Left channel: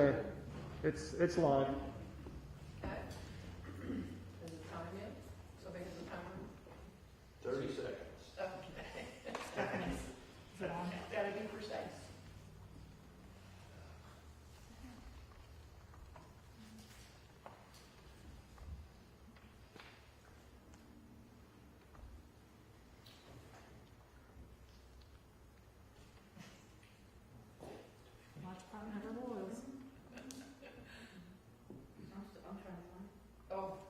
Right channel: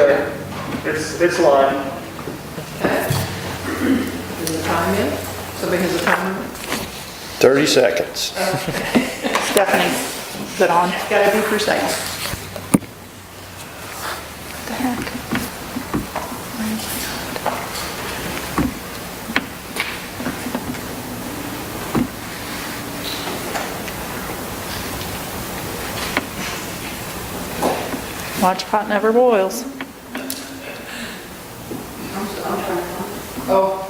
Okay, it's live. Okay. Is the time in? Somebody has a timer? 30 seconds. Stephanie, is it on? Gotta be precise. What the heck? Where is it? Watch pot never boils. Oh.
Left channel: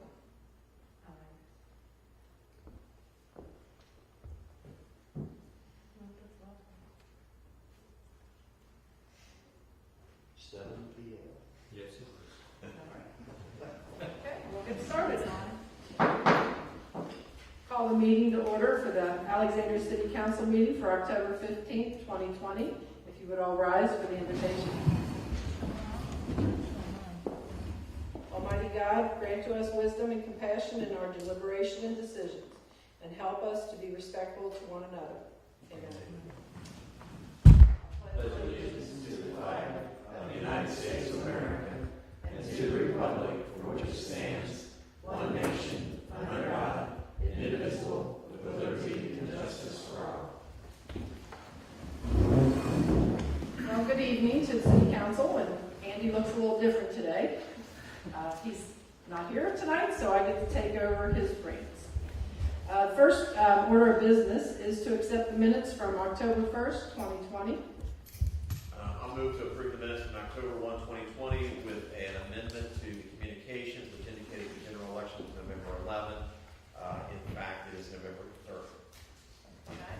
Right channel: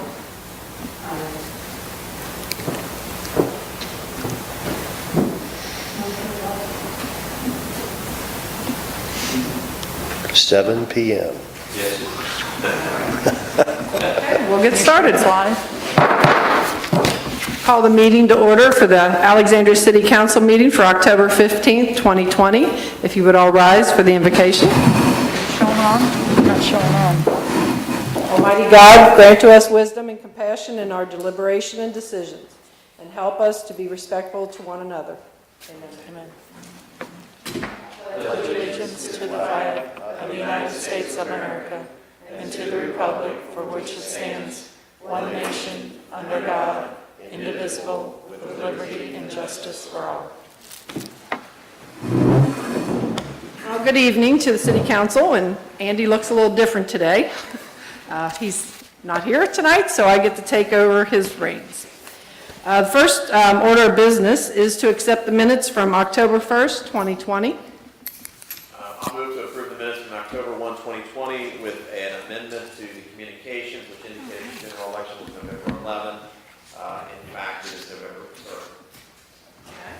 7 p.m. Okay, we'll get started. It's live. Call the meeting to order for the Alexandria City Council meeting for October 15th, 2020. If you would all rise for the invocation. Showing on? Not showing on. Almighty God, grant to us wisdom and compassion in our deliberation and decisions, and help us to be respectful to one another. Amen. Allegiance to the flag of the United States of America and to the republic for which it stands, one nation, under God, indivisible, with liberty and justice for all. Well, good evening to the City Council, and Andy looks a little different today. He's not here tonight, so I get to take over his reins. The first order of business is to accept the minutes from October 1st, 2020. I'll move to approve the minutes from October 1, 2020 with an amendment to the communications, which indicates general election was November 11. In fact, it is November 3rd. Okay.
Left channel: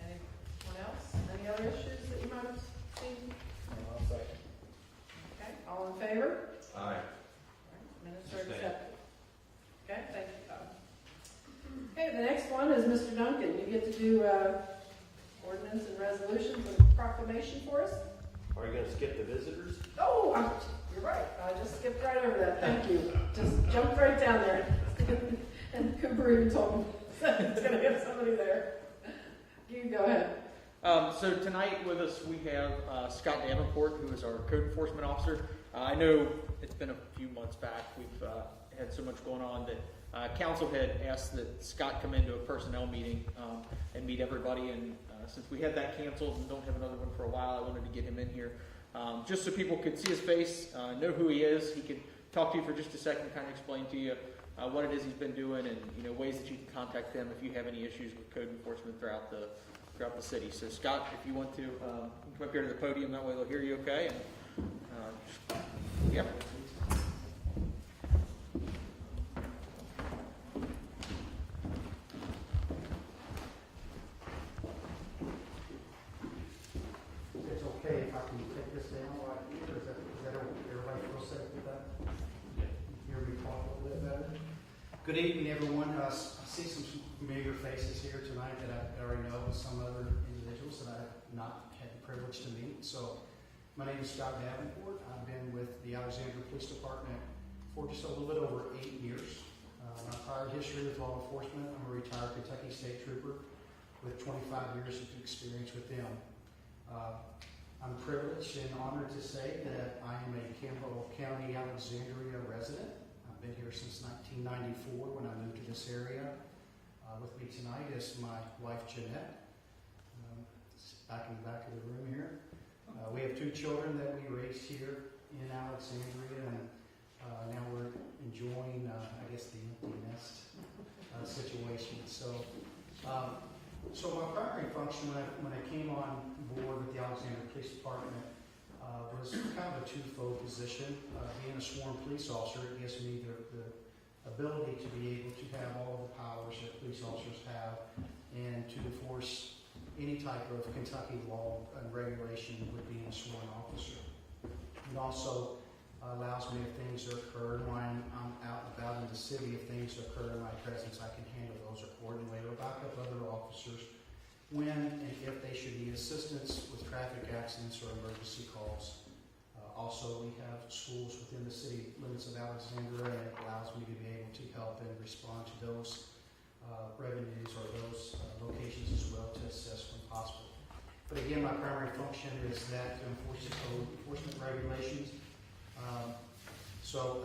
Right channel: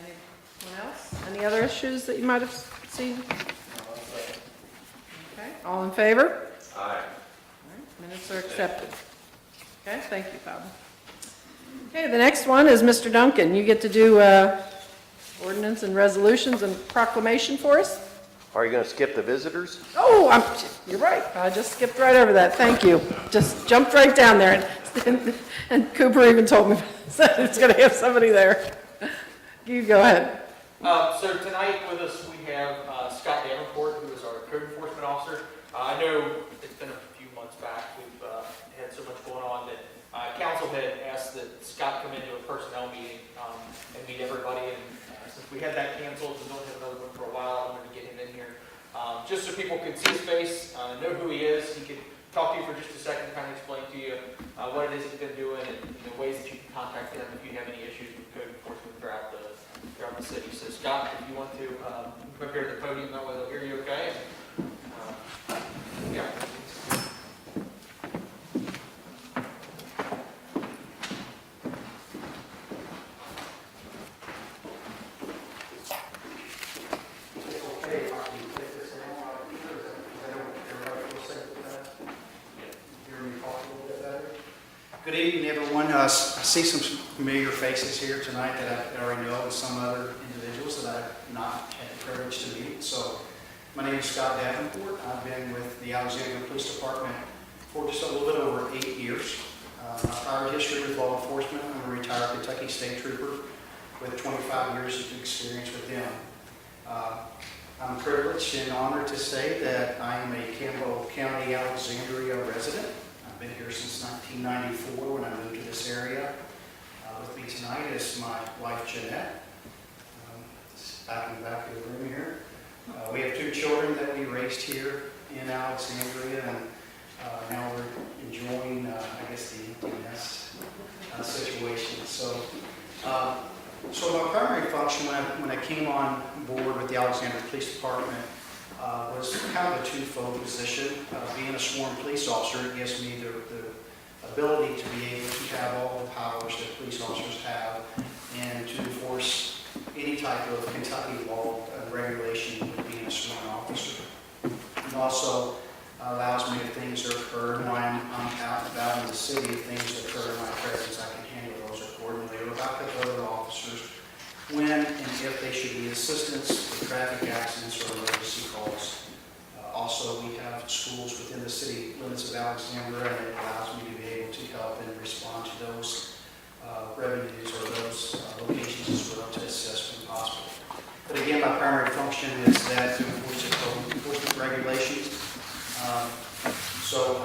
Anyone else? Any other issues that you might have seen? Okay. All in favor? Aye. Minutes are accepted. Okay, thank you, Bob. Okay, the next one is Mr. Duncan. You get to do ordinance and resolutions and proclamation for us. Are you going to skip the visitors? Oh, you're right. I just skipped right over that. Thank you. Just jumped right down there. And Cooper even told me it's going to have somebody there. You go ahead. So tonight with us we have Scott Davenport, who is our code enforcement officer. I know it's been a few months back. We've had so much going on that council had asked that Scott come into a personnel meeting and meet everybody. And since we had that canceled and don't have another one for a while, I wanted to get him in here just so people could see his face, know who he is. He could talk to you for just a second, kind of explain to you what it is he's been doing, and ways that you can contact him if you have any issues with code enforcement throughout the city. So Scott, if you want to come up here to the podium, that way they'll hear you okay. Yeah. Good evening, everyone. I see some familiar faces here tonight that I already know, and some other individuals that I've not had the privilege to meet. So, my name is Scott Davenport. I've been with the Alexandria Police Department for just a little bit over 8 years. My prior history with law enforcement: I'm a retired Kentucky State Trooper with 25 years of experience with them. I'm privileged and honored to say that I am a Campbell County, Alexandria resident. I've been here since 1994 when I moved to this area. With me tonight is my wife, Jeanette. Back in the back of the room here. We have 2 children that we raised here in Alexandria, and now we're enjoying, I guess, the empty nest situation. So my primary function when I came on board with the Alexandria Police Department was kind of a twofold position. Being a sworn police officer, it gives me the ability to be able to have all the powers that police officers have and to enforce any type of Kentucky law regulation with being a sworn officer. It also allows me, if things occur when I'm out and about in the city, if things occur in my presence, I can handle those accordingly, or about the other officers when and if they should need assistance with traffic accidents or emergency calls. Also, we have schools within the city limits of Alexandria, and it allows me to be able to help and respond to those revenues or those locations as well to assist when possible. But again, my primary function is that to enforce the code enforcement regulations So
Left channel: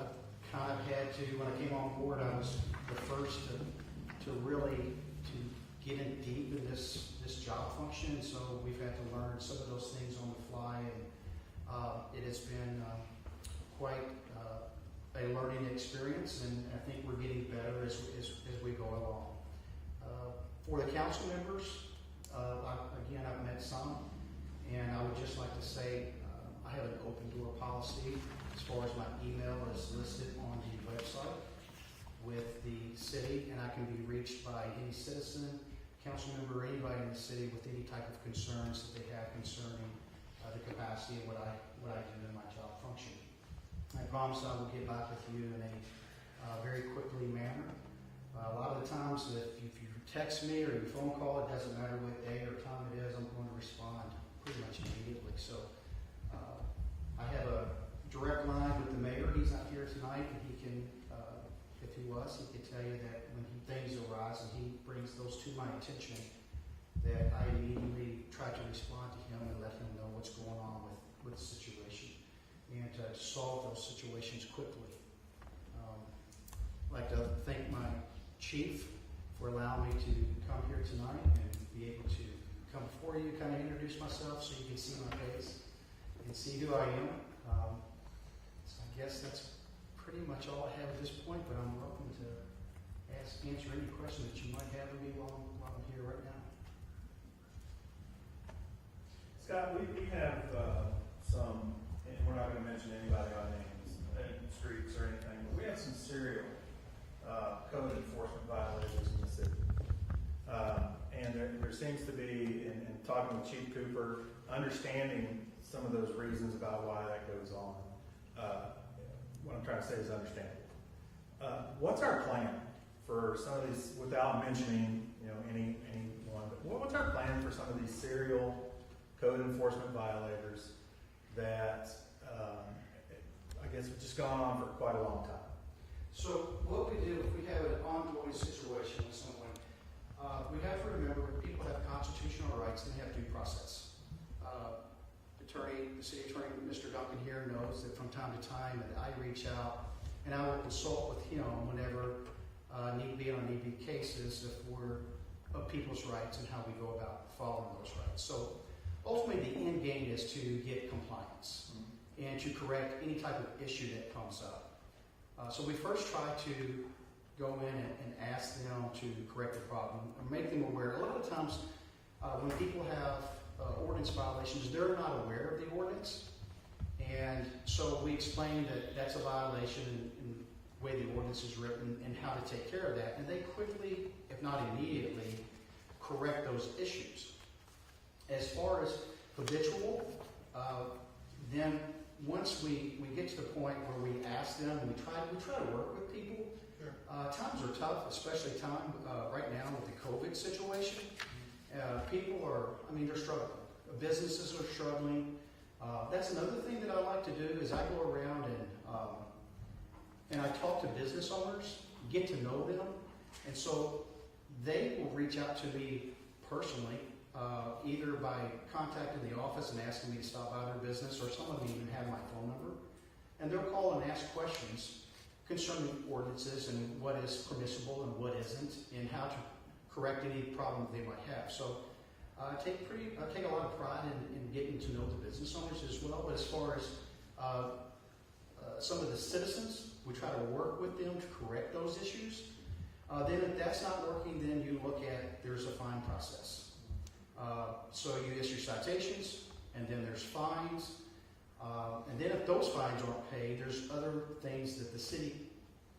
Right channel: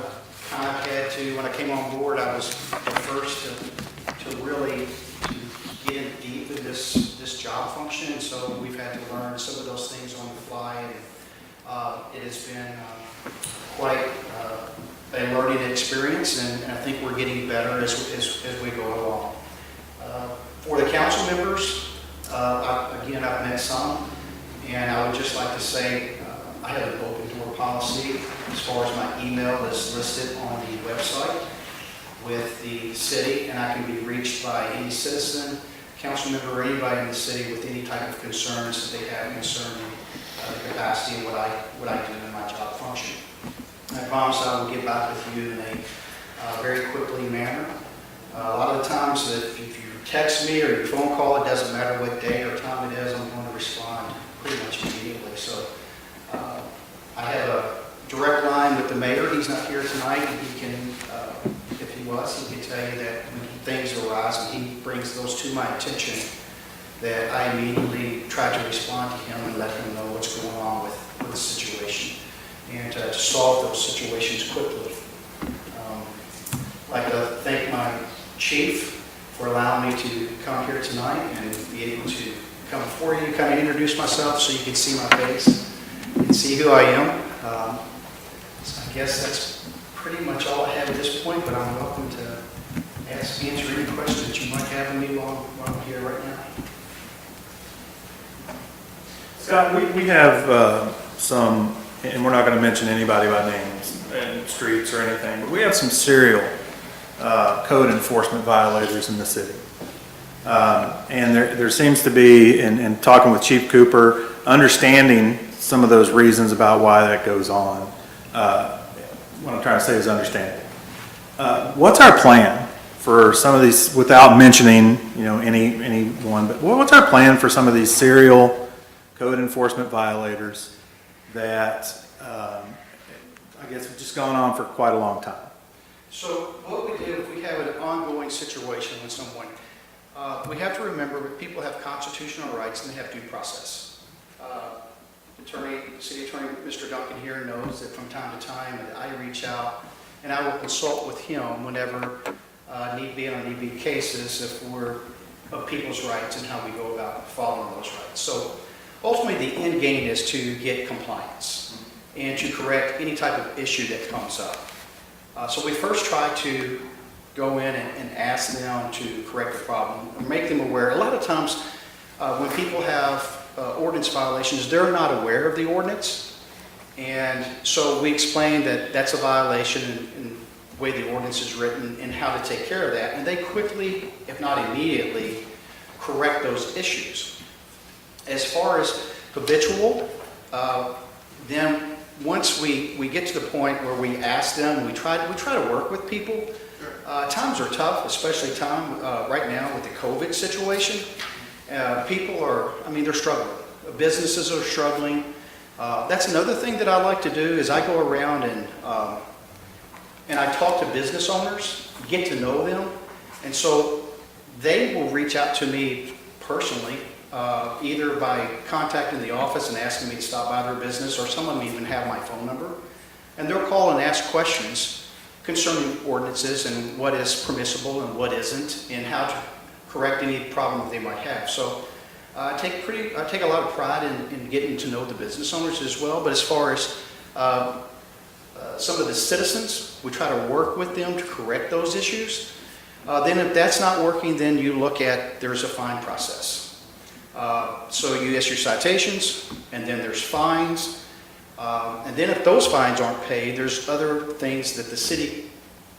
I kind of had to, when I came on board, I was the first to really get in deep in this job function. So we've had to learn some of those things on the fly, and it has been quite a learning experience, and I think we're getting better as we go along. For the council members, again, I've met some, and I would just like to say I have an open door policy as far as my email is listed on the website with the city, and I can be reached by any citizen, council member, or anybody in the city with any type of concerns that they have concerning the capacity of what I do in my job function. I promise I will get back with you in a very quickly manner. A lot of the times that if you text me or your phone call, it doesn't matter what day or time it is, I'm going to respond pretty much immediately. So I have a direct line with the mayor. He's not here tonight. He can, if he was, he could tell you that when things arise and he brings those to my attention, that I immediately try to respond to him and let him know what's going on with the situation, and to solve those situations quickly. I'd like to thank my chief for allowing me to come here tonight and be able to come before you, kind of introduce myself so you can see my face and see who I am. So I guess that's pretty much all I have at this point, but I'm welcome to answer any questions that you might have of me while I'm here right now. Scott, we have some, and we're not going to mention anybody by names and streets or anything, but we have some serial code enforcement violators in the city. And there seems to be, in talking with Chief Cooper, understanding some of those reasons about why that goes on. What I'm trying to say is understanding. What's our plan for some of these, without mentioning, anyone, but what's our plan for some of these serial code enforcement violators that I guess have just gone on for quite a long time? So what we do if we have an ongoing situation with someone, we have to remember that people have constitutional rights and they have due process. City Attorney Mr. Duncan here knows that from time to time that I reach out and I will consult with him whenever need be on need be cases if we're of people's rights and how we go about following those rights. So ultimately the end game is to get compliance and to correct any type of issue that comes up. So we first try to go in and ask them to correct the problem, or make them aware. A lot of times when people have ordinance violations, they're not aware of the ordinance. And so we explain that that's a violation and the way the ordinance is written and how to take care of that. And they quickly, if not immediately, correct those issues. As far as habitual, then once we get to the point where we ask them, we try to work with people. Times are tough, especially right now with the COVID situation. People are, they're struggling. Businesses are struggling. That's another thing that I like to do is I go around and I talk to business owners, get to know them, and so they will reach out to me personally, either by contacting the office and asking me to stop by their business, or some of them even have my phone number, and they'll call and ask questions concerning ordinances and what is permissible and what isn't, and how to correct any problem that they might have. So I take a lot of pride in getting to know the business owners as well. But as far as some of the citizens, we try to work with them to correct those issues. Then if that's not working, then you look at, there's a fine process. So you issue citations, and then there's fines. And then if those fines aren't paid, there's other things that the city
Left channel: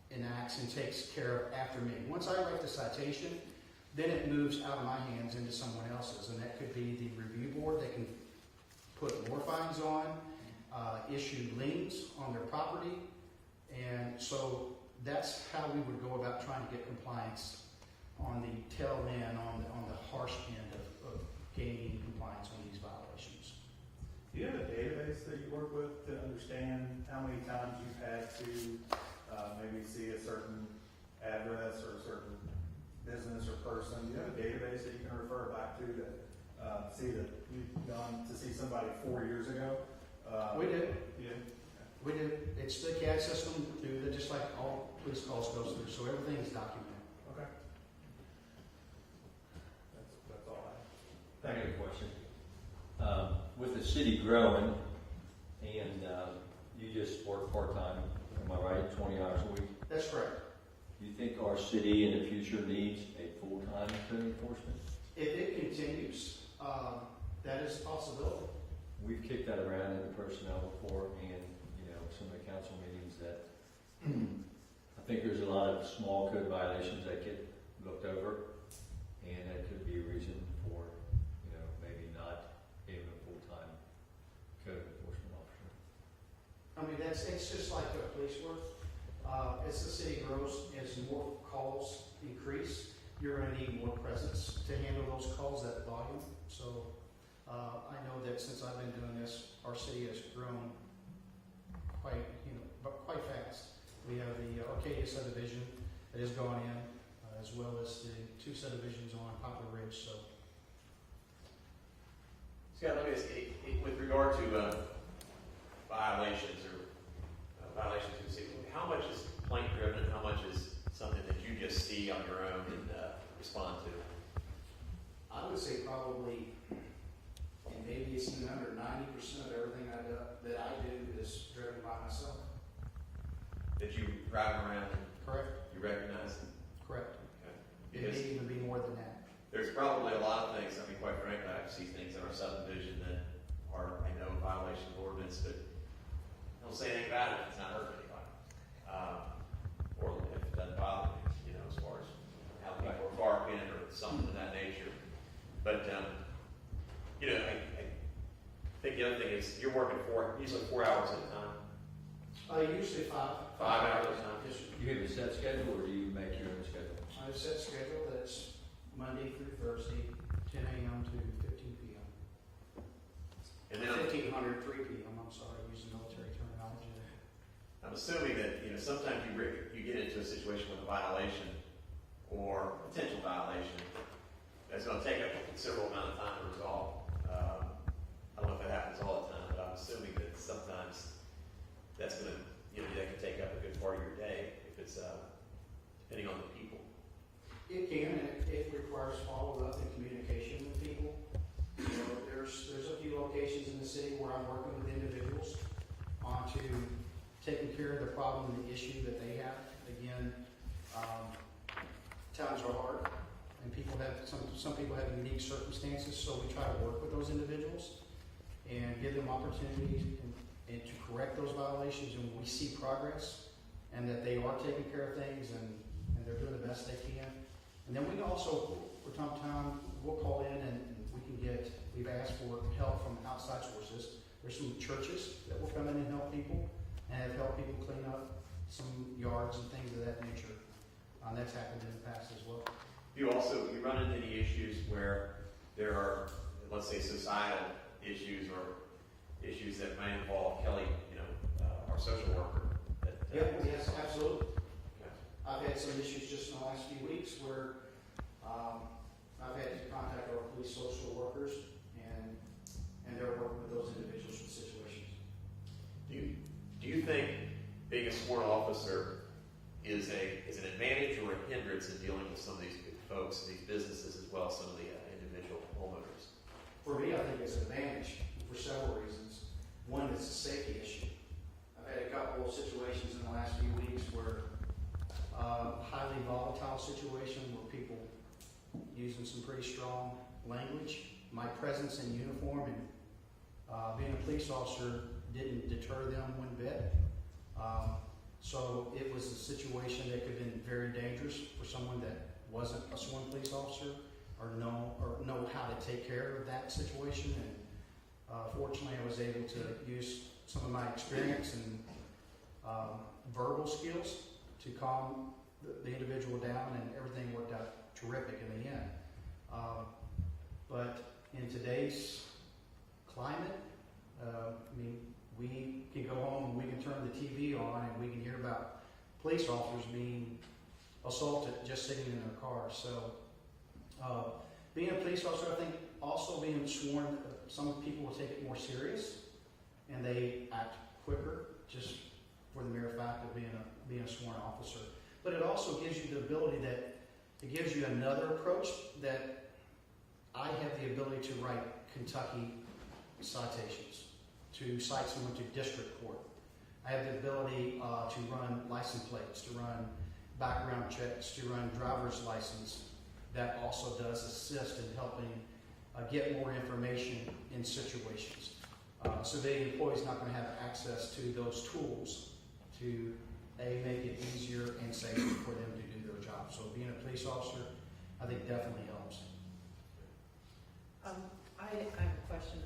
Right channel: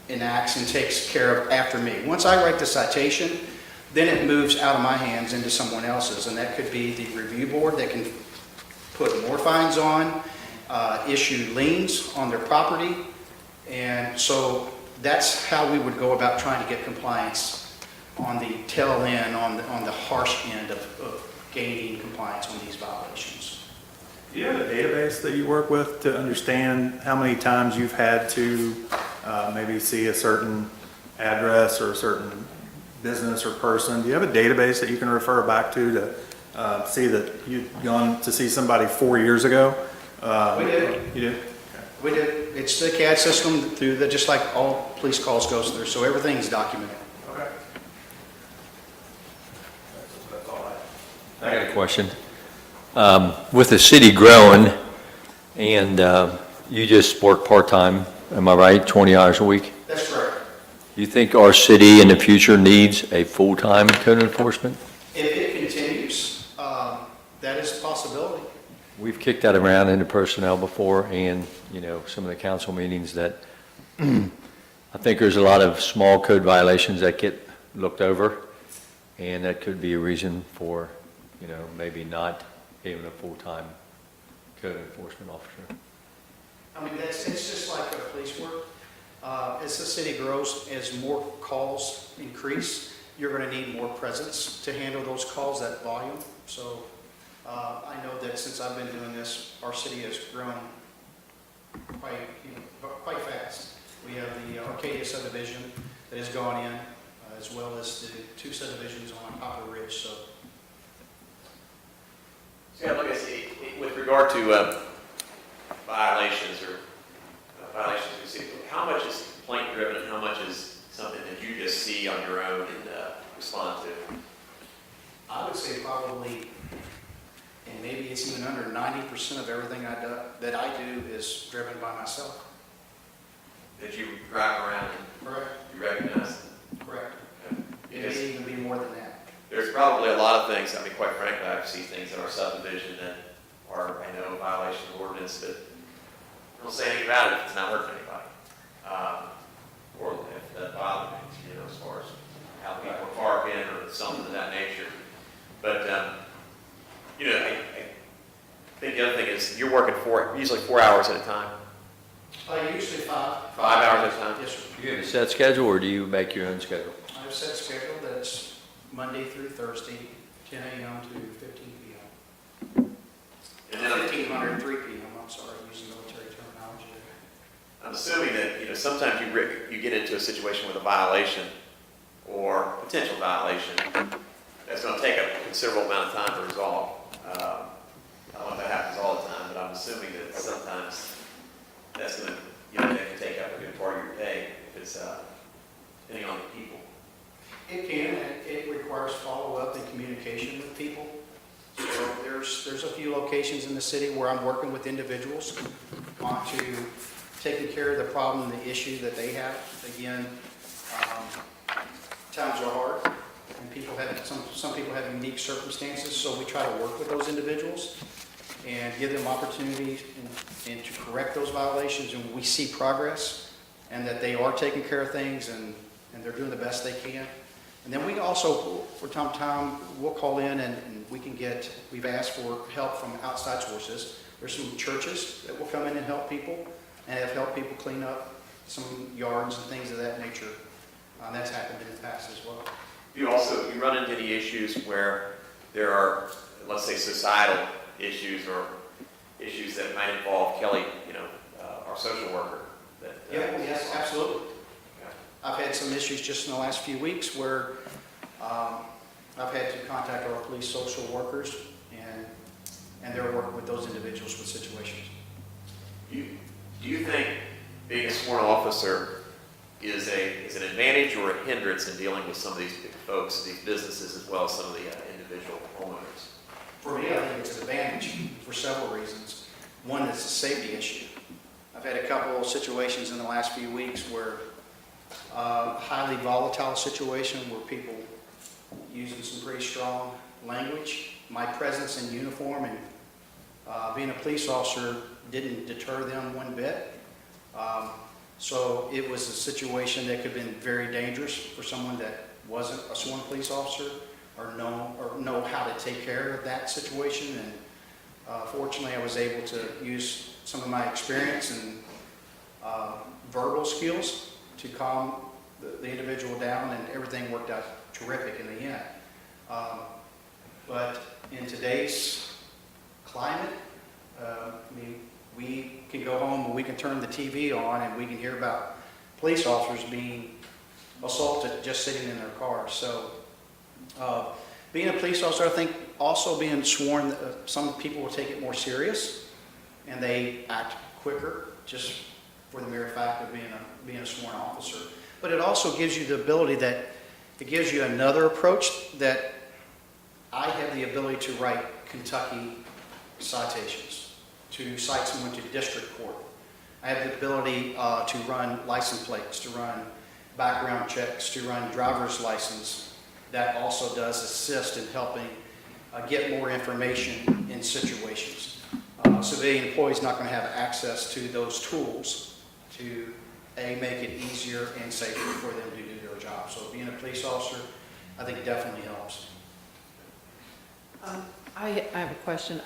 enacts and takes care of after me. Once I write the citation, then it moves out of my hands into someone else's, and that could be the review board that can put more fines on, issue liens on their property, and so that's how we would go about trying to get compliance on the tail end, on the harsh end of gaining compliance on these violations. Do you have a database that you work with to understand how many times you've had to maybe see a certain address or a certain business or person? Do you have a database that you can refer back to see that you've gone to see somebody 4 years ago? We do. You do? Okay. We do. It's the CAD system through the, just like all police calls goes through, so everything's documented. Okay. That's all I have. I got a question. With the city growing, and you just work part-time, am I right, 20 hours a week? That's correct. You think our city in the future needs a full-time code enforcement? If it continues, that is a possibility. We've kicked that around into personnel before, and, you know, some of the council meetings that I think there's a lot of small code violations that get looked over, and that could be a reason for, you know, maybe not having a full-time code enforcement officer. I mean, it's just like police work. As the city grows, as more calls increase, you're going to need more presence to handle those calls, that volume. So I know that since I've been doing this, our city has grown quite fast. We have the Arcadia subdivision that has gone in, as well as the 2 subdivisions on Poplar Ridge. So Yeah, look, with regard to violations or violations we see, how much is complaint driven and how much is something that you just see on your own and respond to? I would say probably, and maybe it's even under 90% of everything that I do is driven by myself. That you drive around and Correct. you recognize? Correct. It Because may even be more than that. there's probably a lot of things, I mean, quite frankly, I see things in our subdivision that are, I know, violation of ordinance, but I don't say anything about it if it's not hurting anybody. Or if that bothers me, you know, as far as how people are parking or something of that nature. But, you know, I think the other thing is you're working usually 4 hours at a time. Usually 5. 5 hours at a time? Yes, sir. Do you have a set schedule, or do you make your own schedule? I have a set schedule that's Monday through Thursday, 10 a.m. to 15 p.m. And then 1500, 3 p.m. I'm sorry, using military terminology. I'm assuming that, you know, sometimes you get into a situation with a violation or potential violation that's going to take a considerable amount of time to resolve. I don't know if that happens all the time, but I'm assuming that sometimes that's going to, you know, that can take up a good part of your day if it's, depending on the people. It can, and it requires follow-up and communication with people. So there's a few locations in the city where I'm working with individuals on to taking care of the problem, the issue that they have. Again, times are hard, and people have, some people have unique circumstances, so we try to work with those individuals and give them opportunities and to correct those violations, and we see progress, and that they are taking care of things, and they're doing the best they can. And then we also, from time to time, we'll call in and we've asked for help from outside sources. There's some churches that will come in and help people, and have helped people clean up some yards and things of that nature. That's happened in the past as well. You run into any issues where there are, let's say, societal issues or issues that might involve Kelly, you know, our social worker? Yes, absolutely. Yeah. I've had some issues just in the last few weeks where I've had to contact our police social workers and they're working with those individuals with situations. Do you think being a sworn officer is an advantage or a hindrance in dealing with some of these folks, these businesses, as well as some of the individual homeowners? For me, I think it's an advantage for several reasons. One is a safety issue. I've had a couple of situations in the last few weeks where highly volatile situation where people using some pretty strong language. My presence in uniform and being a police officer didn't deter them one bit. So it was a situation that could have been very dangerous for someone that wasn't a sworn police officer or know how to take care of that situation. And fortunately, I was able to use some of my experience and verbal skills to calm the individual down, and everything worked out terrific in the end. But in today's climate, I mean, we can go home and we can turn the TV on and we can hear about police officers being assaulted just sitting in their cars. So being a police officer, I think also being sworn, some people will take it more serious and they act quicker just for the mere fact of being a sworn officer. But it also gives you the ability that, it gives you another approach that I have the ability to write Kentucky citations, to cite someone to district court. I have the ability to run license plates, to run background checks, to run driver's license. That also does assist in helping get more information in situations. So the employee's not going to have access to those tools to make it easier and safer for them to do their job. So being a police officer, I think definitely helps. I have a question.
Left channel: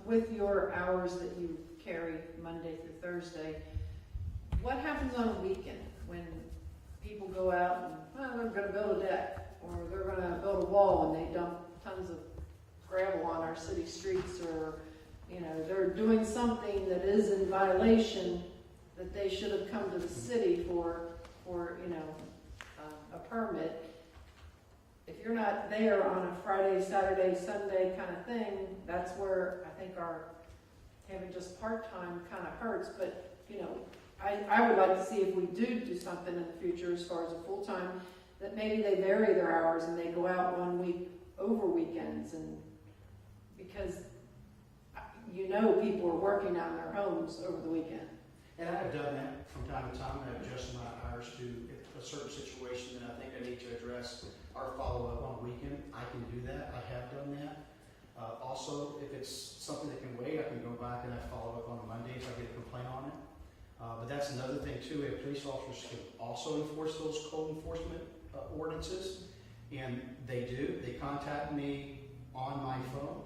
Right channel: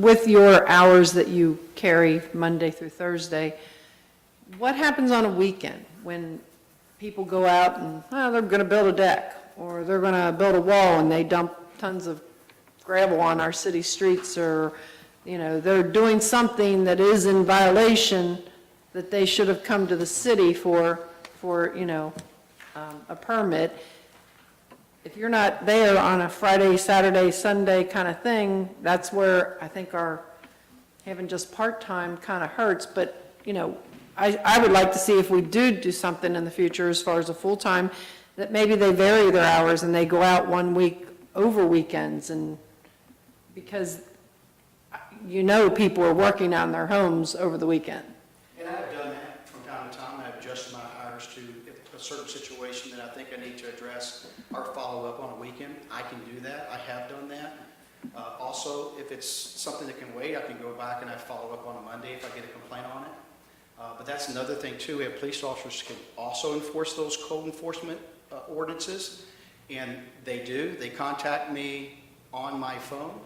With your hours that you carry Monday through Thursday, what happens on a weekend when people go out and, they're going to build a deck, or they're going to build a wall and they dump tons of gravel on our city streets, or, they're doing something that is in violation that they should have come to the city for a permit. If you're not there on a Friday, Saturday, Sunday kind of thing, that's where I think our having just part-time kind of hurts. But, I would like to see if we do something in the future as far as a full-time, that maybe they vary their hours and they go out 1 week over weekends, and because people are working out in their homes over the weekend. And I've done that from time to time. I've adjusted my hours to a certain situation that I think I need to address or follow up on a weekend. I can do that. I have done that. Also, if it's something that can wait, I can go back and I follow up on a Monday if I get a complaint on it. But that's another thing too. We have police officers can also enforce those code enforcement ordinances, and they do. They contact me on my phone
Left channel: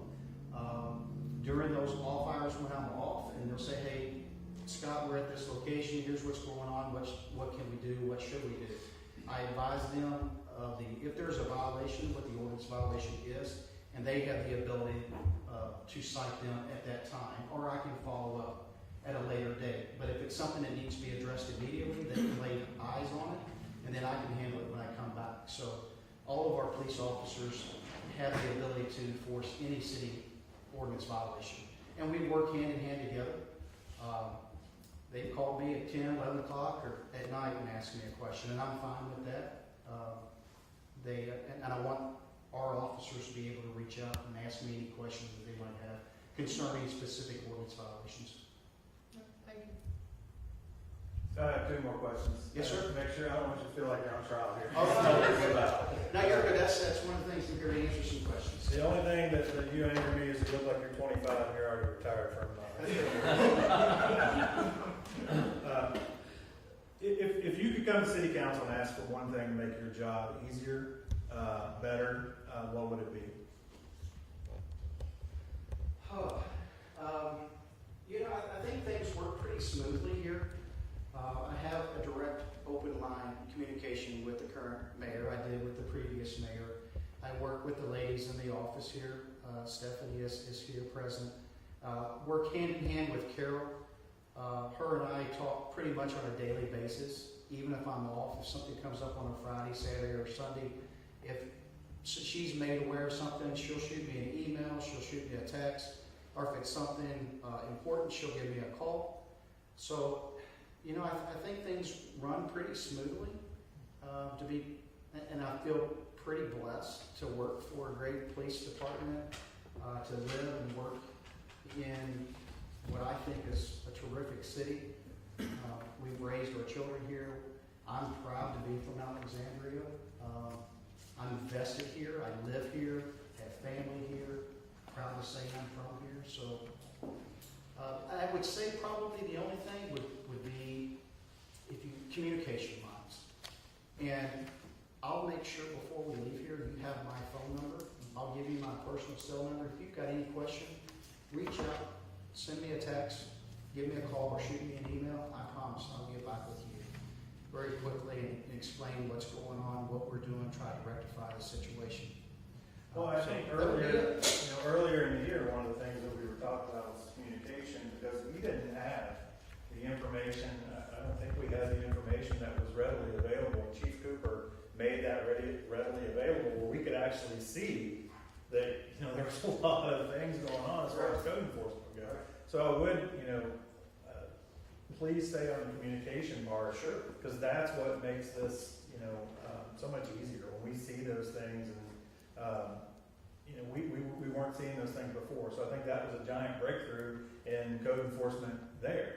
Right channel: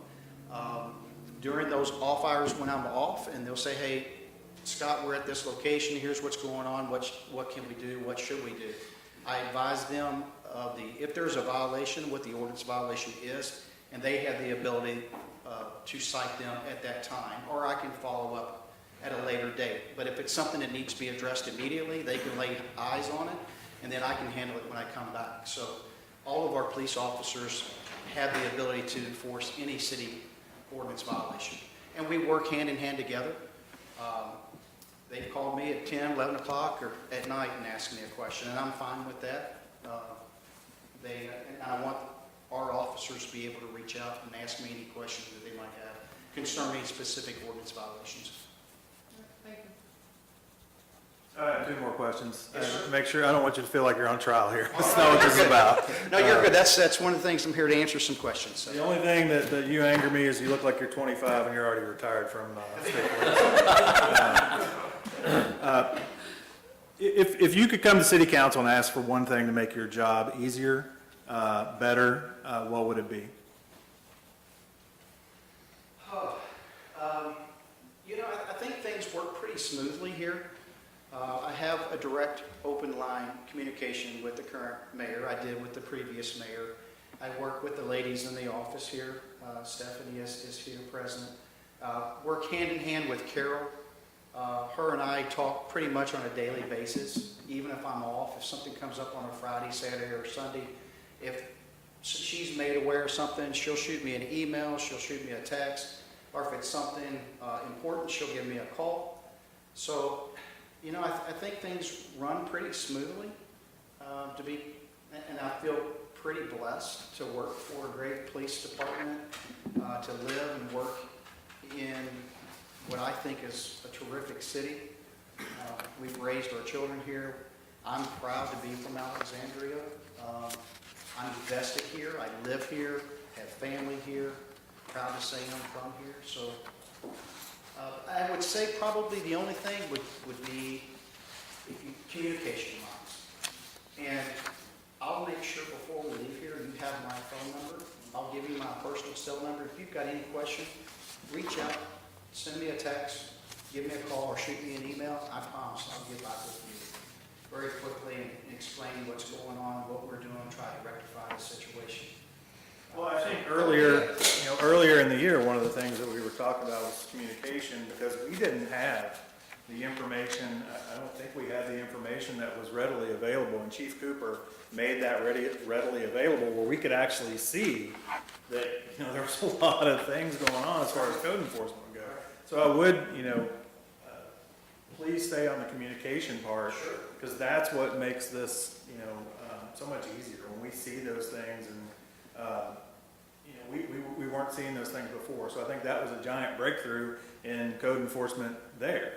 during those off hours when I'm off, and they'll say, "Hey, Scott, we're at this location. Here's what's going on. What can we do? What should we do?" I advise them of if there's a violation, what the ordinance violation is, and they have the ability to cite them at that time, or I can follow up at a later date. But if it's something that needs to be addressed immediately, they can lay eyes on it, and then I can handle it when I come back. So all of our police officers have the ability to enforce any city ordinance violation, and we work hand in hand together. They've called me at 10, 11 o'clock or at night and asked me a question, and I'm fine with that. And I want our officers to be able to reach out and ask me any questions that they might have concerning specific ordinance violations. I have 2 more questions. Yes, sir. Make sure, I don't want you to feel like you're on trial here. That's not what this is about. No, you're good. That's one of the things I'm here to answer some questions. The only thing that you anger me is you look like you're 25 and you're already retired from if you could come to city council and ask for one thing to make your job easier, better, what would it be? I think things work pretty smoothly here. I have a direct, open line communication with the current mayor. I did with the previous mayor. I work with the ladies in the office here. Stephanie is here present. Work hand in hand with Carol. Her and I talk pretty much on a daily basis, even if I'm off. If something comes up on a Friday, Saturday, or Sunday, if she's made aware of something, she'll shoot me an email, she'll shoot me a text, or if it's something important, she'll give me a call. So, I think things run pretty smoothly and I feel pretty blessed to work for a great police department, to live and work in what I think is a terrific city. We've raised our children here. I'm proud to be from Alexandria. I'm invested here. I live here, have family here. Proud to say I'm from here. So I would say probably the only thing would be communication lines. And I'll make sure before we leave here, you have my phone number. I'll give you my personal cell number. If you've got any question, reach out, send me a text, give me a call, or shoot me an email. I promise I'll get back with you very quickly and explain what's going on, what we're doing, try to rectify the situation. Well, I think earlier in the year, one of the things that we were talking about was communication, because we didn't have the information. I don't think we had the information that was readily available, and Chief Cooper made that readily available, where we could actually see that there was a lot of things going on as far as code enforcement goes. So I would please stay on the communication part. Sure. Because that's what makes this, so much easier when we see those things and, we weren't seeing those things before. So I think that was a giant breakthrough in code enforcement there.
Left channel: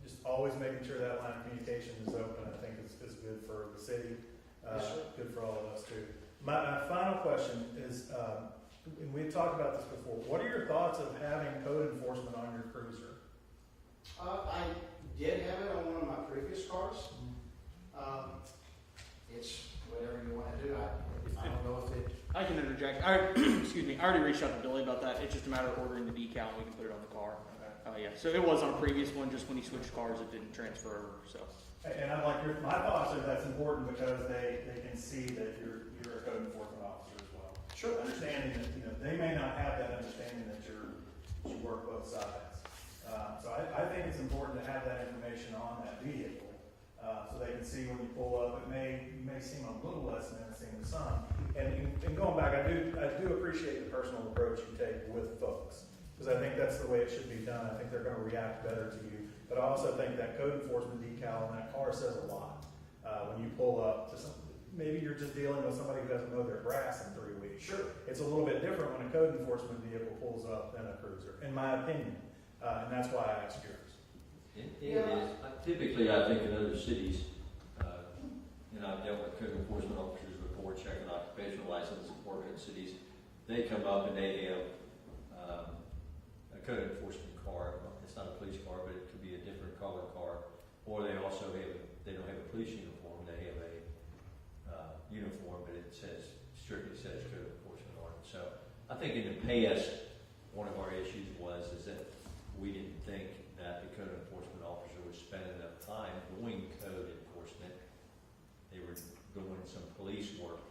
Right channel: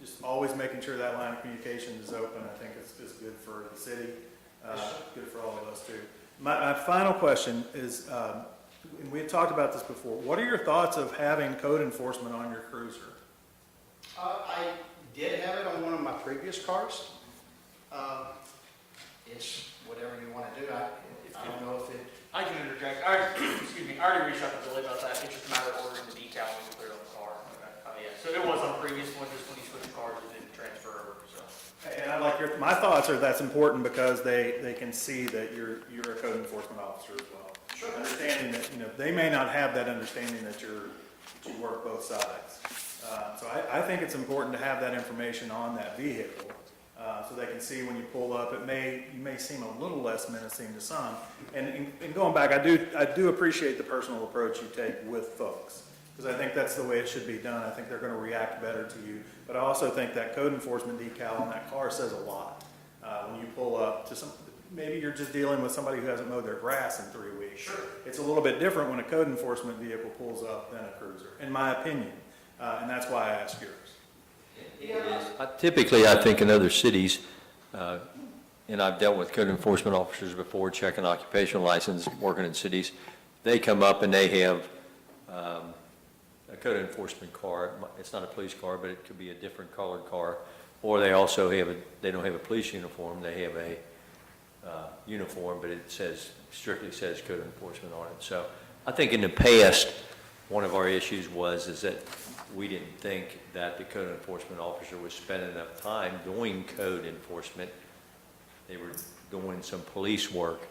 Just always making sure that line of communication is open, I think is good for the city, good for all of us too. My final question is, and we had talked about this before, what are your thoughts of having code enforcement on your cruiser? I did have it on one of my previous cars. It's whatever you want to do. I don't know if it, I can interject. Excuse me. I already reached out to Billy about that. It's just a matter of ordering the decal and we can put it on the car. Yeah. So it was on the previous one, just when you switched cars, it didn't transfer over, so. And I'd like my thoughts are that's important because they can see that you're a code enforcement officer as well. Sure. Understanding that, they may not have that understanding that you work both sides. So I think it's important to have that information on that vehicle, so they can see when you pull up. You may seem a little less menacing to some. And going back, I do appreciate the personal approach you take with folks, because I think that's the way it should be done. I think they're going to react better to you. But I also think that code enforcement decal on that car says a lot. When you pull up to maybe you're just dealing with somebody who hasn't mowed their grass in 3 weeks. Sure. It's a little bit different when a code enforcement vehicle pulls up than a cruiser, in my opinion. And that's why I asked yours. Typically, I think in other cities, and I've dealt with code enforcement officers before, checking occupational license, working in cities, they come up and they have a code enforcement car. It's not a police car, but it could be a different colored car. Or they also they don't have a police uniform, they have a uniform, but it strictly says code enforcement on it. So I think in the past, one of our issues is that we didn't think that the code enforcement officer was spending enough time doing code enforcement. They were doing some police work,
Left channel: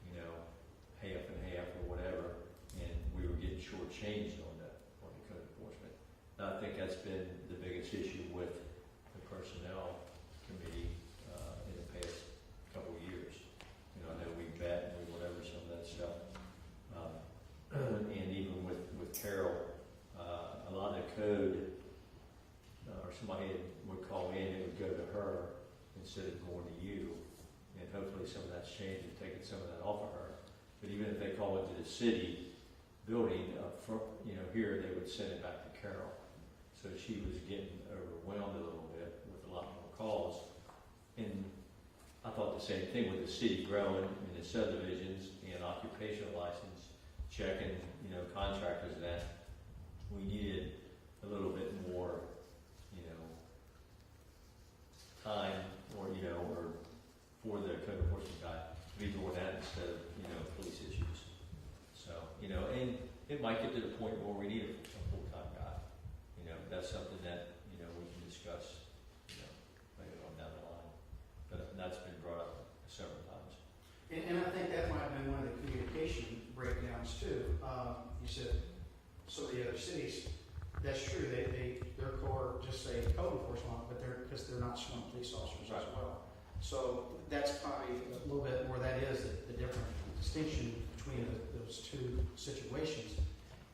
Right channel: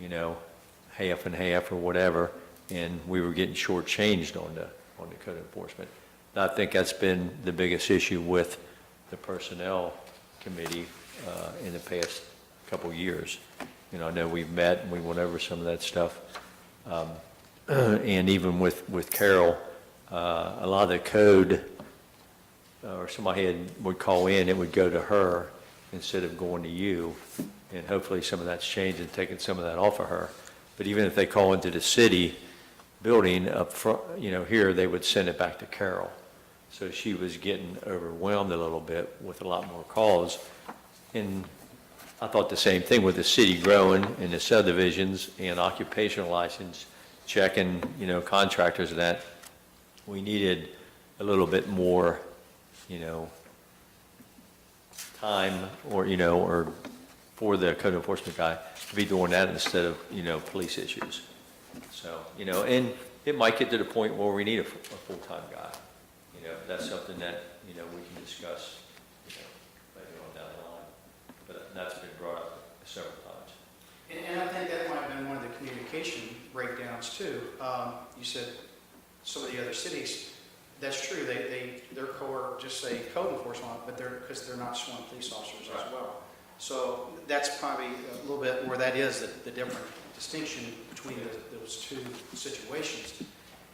half and half or whatever, and we were getting shortchanged on the code enforcement. And I think that's been the biggest issue with the personnel committee in the past couple years. I know we've met and we went over some of that stuff. And even with Carol, a lot of the code, or somebody would call in, it would go to her instead of going to you. And hopefully some of that's changed and taken some of that off of her. But even if they call into the city building up front, here, they would send it back to Carol. So she was getting overwhelmed a little bit with a lot more calls. And I thought the same thing with the city growing and the subdivisions and occupational license checking, contractors and that. We needed a little bit more, time or for the code enforcement guy to be doing that instead of, police issues. So, and it might get to the point where we need a full-time guy. That's something that, we can discuss, maybe on down the line. But that's been brought up several times. and I think that might have been one of the communication breakdowns too. You said some of the other cities, that's true, their core just say code enforcement, but because they're not sworn police officers as well. So that's probably a little bit where that is the different distinction between those two situations.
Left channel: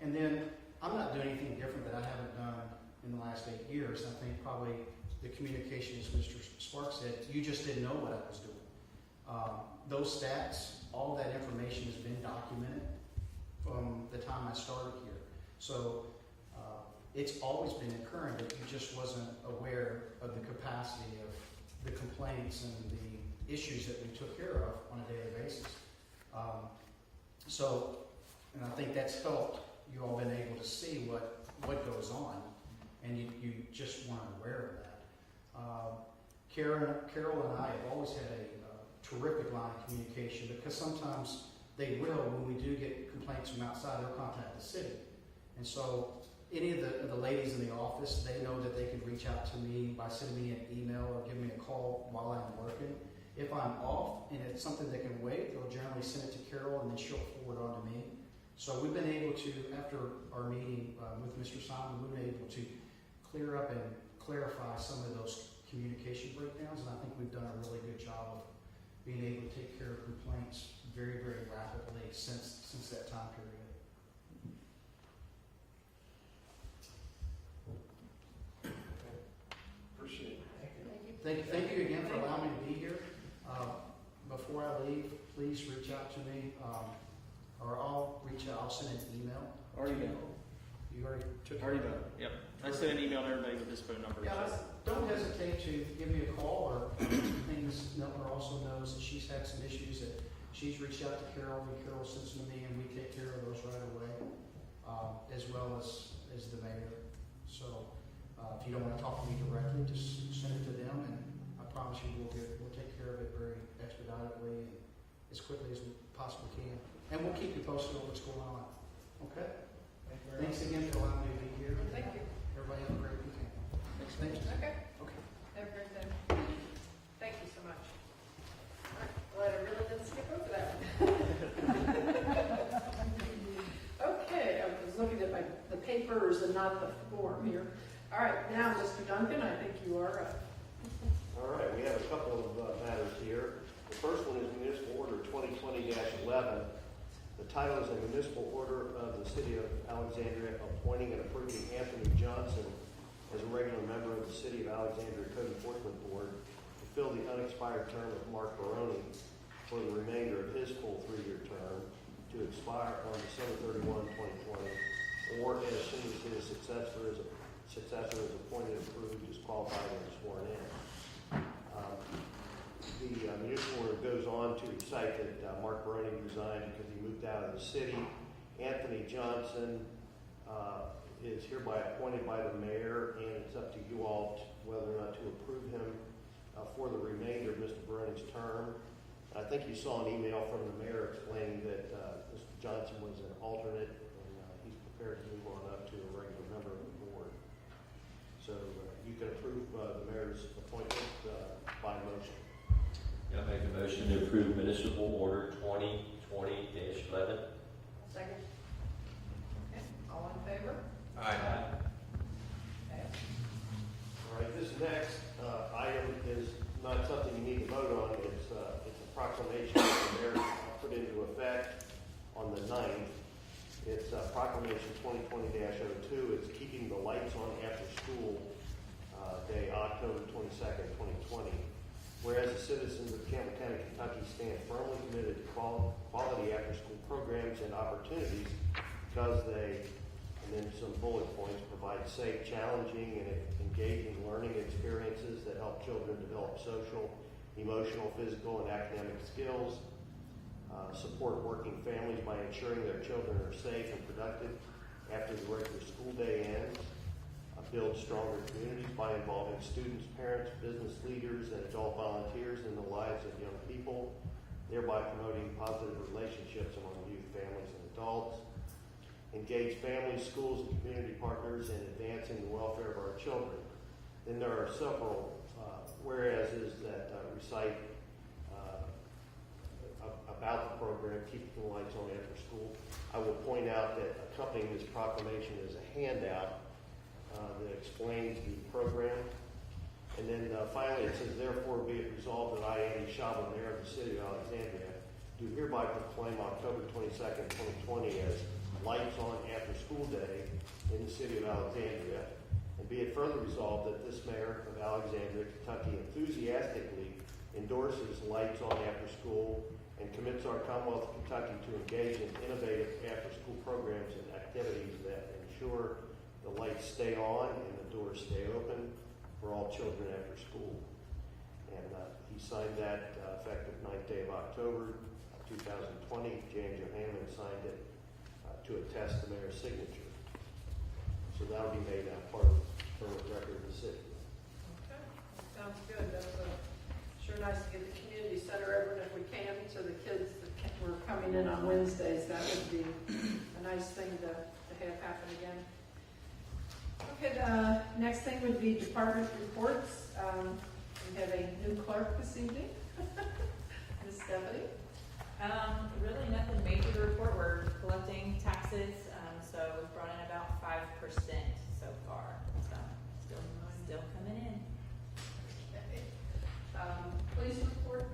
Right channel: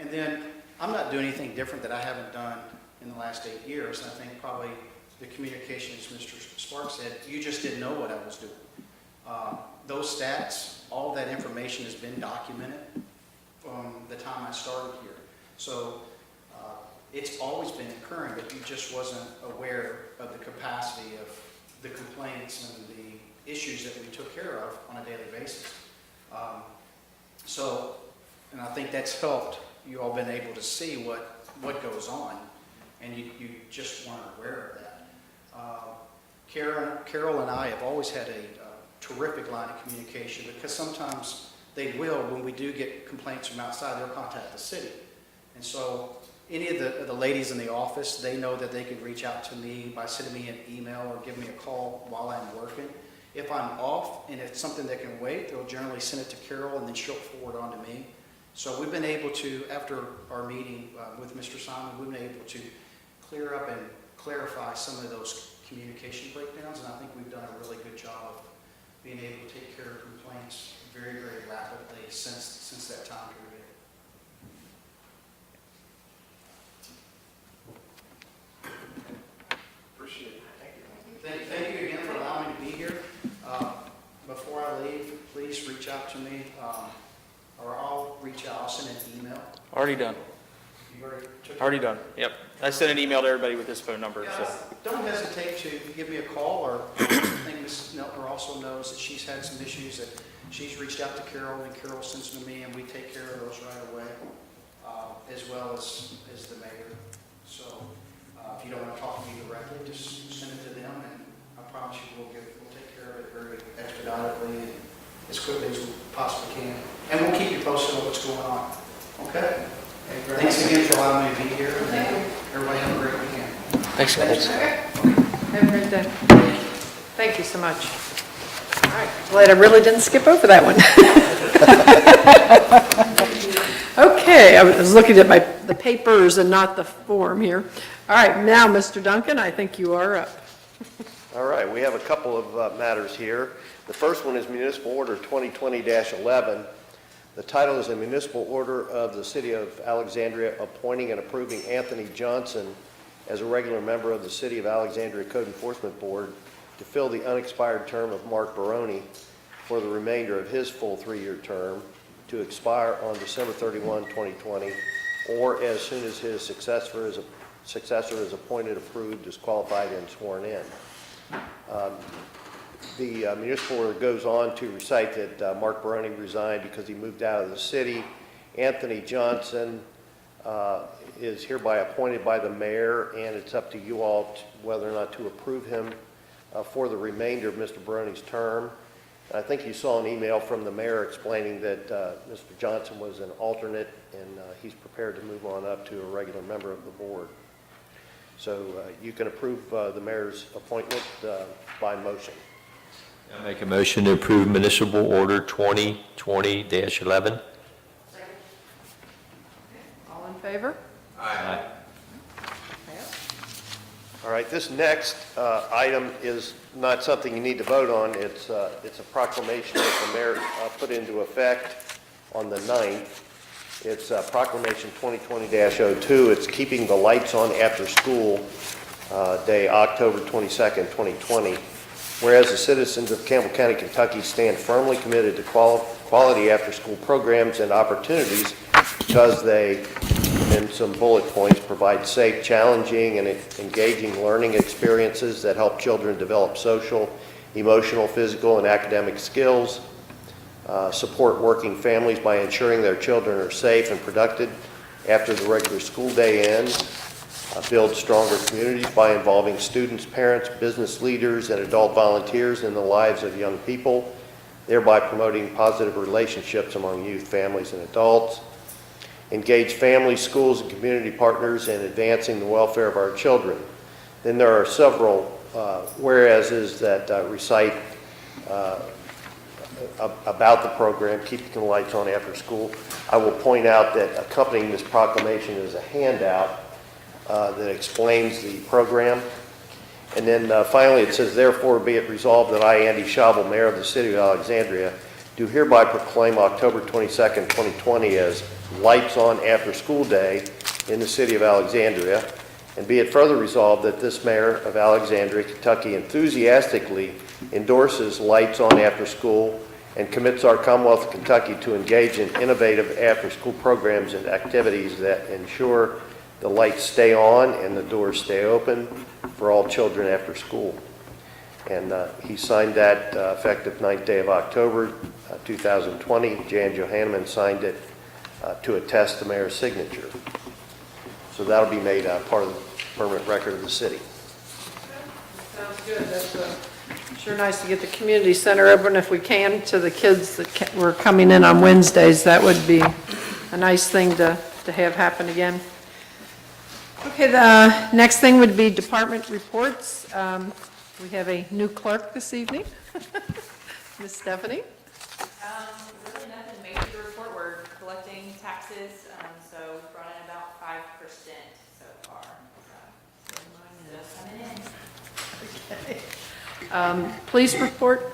And then I'm not doing anything different that I haven't done in the last 8 years. I think probably the communication, as Mr. Sparks said, you just didn't know what I was doing. Those stats, all that information has been documented from the time I started here. So it's always been occurring, but you just wasn't aware of the capacity of the complaints and the issues that we took care of on a daily basis. And I think that's helped you all been able to see what goes on, and you just weren't aware of that. Carol and I have always had a terrific line of communication, because sometimes they will, when we do get complaints from outside, they'll contact the city. And so any of the ladies in the office, they know that they can reach out to me by sending me an email or give me a call while I'm working. If I'm off and it's something that can wait, they'll generally send it to Carol and then she'll forward on to me. So we've been able to, after our meeting with Mr. Simon, we've been able to clear up and clarify some of those communication breakdowns, and I think we've done a really good job of being able to take care of complaints very, very rapidly since that time period. Already done. You already took it? Already done. Yep. I sent an email to everybody with this phone number, Yeah, so. don't hesitate to give me a call, or I think Mrs. Neltner also knows that she's had some issues that she's reached out to Carol, and Carol sends them to me, and we take care of those right away, as well as the mayor. So if you don't want to talk to me directly, just send it to them, and I promise you we'll take care of it very expeditiously and as quickly as we possibly can. And we'll keep you posted on what's going on. Okay? Thanks again for allowing me to be here. Everybody have a great weekend. Thanks, guys. Have a great day. Thank you so much. All right, glad I really didn't skip over that one. Okay, I was looking at the papers and not the form here. All right, now, Mr. Duncan, I think you are up. All right, we have a couple of matters here. The first one is Municipal Order 2020-11. The title is a municipal order of the City of Alexandria appointing and approving Anthony Johnson as a regular member of the City of Alexandria Code Enforcement Board to fill the unexpired term of Mark Baroni for the remainder of his full 3-year term to expire on December 31, 2020, or as soon as his successor is appointed, approved, disqualified, and sworn in. The municipal order goes on to recite that Mark Baroni resigned because he moved out of the city. Anthony Johnson is hereby appointed by the mayor, and it's up to you all whether or not to approve him for the remainder of Mr. Baroni's term. I think you saw an email from the mayor explaining that Mr. Johnson was an alternate, and he's prepared to move on up to a regular member of the board. So you can approve the mayor's appointment by motion. I make a motion to approve Municipal Order 2020-11. All in favor? Aye. All right, this next item is not something you need to vote on. It's a proclamation that the mayor put into effect on the 9th. It's Proclamation 2020-02. It's keeping the lights on after school day, October 22nd, 2020. Whereas the citizens of Campbell County, Kentucky stand firmly committed to quality after-school programs and opportunities because they, in some bullet points, provide safe, challenging, and engaging learning experiences that help children develop social, emotional, physical, and academic skills, support working families by ensuring their children are safe and productive after the regular school day ends, build stronger communities by involving students, parents, business leaders, and adult volunteers in the lives of young people, thereby promoting positive relationships among youth, families, and adults, engage families, schools, and community partners in advancing the welfare of our children. Then there are several whereases that recite about the program, Keeping the Lights On After School. I will point out that accompanying this proclamation is a handout that explains the program. And then finally it says, therefore be it resolved that I, Andy Schabel, Mayor of the City of Alexandria, do hereby proclaim October 22nd, 2020 as Lights On After School Day in the City of Alexandria. And be it further resolved that this Mayor of Alexandria, Kentucky enthusiastically endorses Lights On After School and commits our Commonwealth of Kentucky to engage in innovative after-school programs and activities that ensure the lights stay on and the doors stay open for all children after school. And he signed that effective 9th day of October 2020. Jan Johanneman signed it to attest the mayor's signature. So that'll be made part of the permanent record of the city. Sounds good. That's sure nice to get the community center open if we can to the kids that were coming in on Wednesdays. That would be a nice thing to have happen again. Okay, the next thing would be department reports. We have a new clerk this evening, Miss Stephanie. Really nothing major to report. We're collecting taxes, so we brought in about 5% so far. So still coming in. Police report.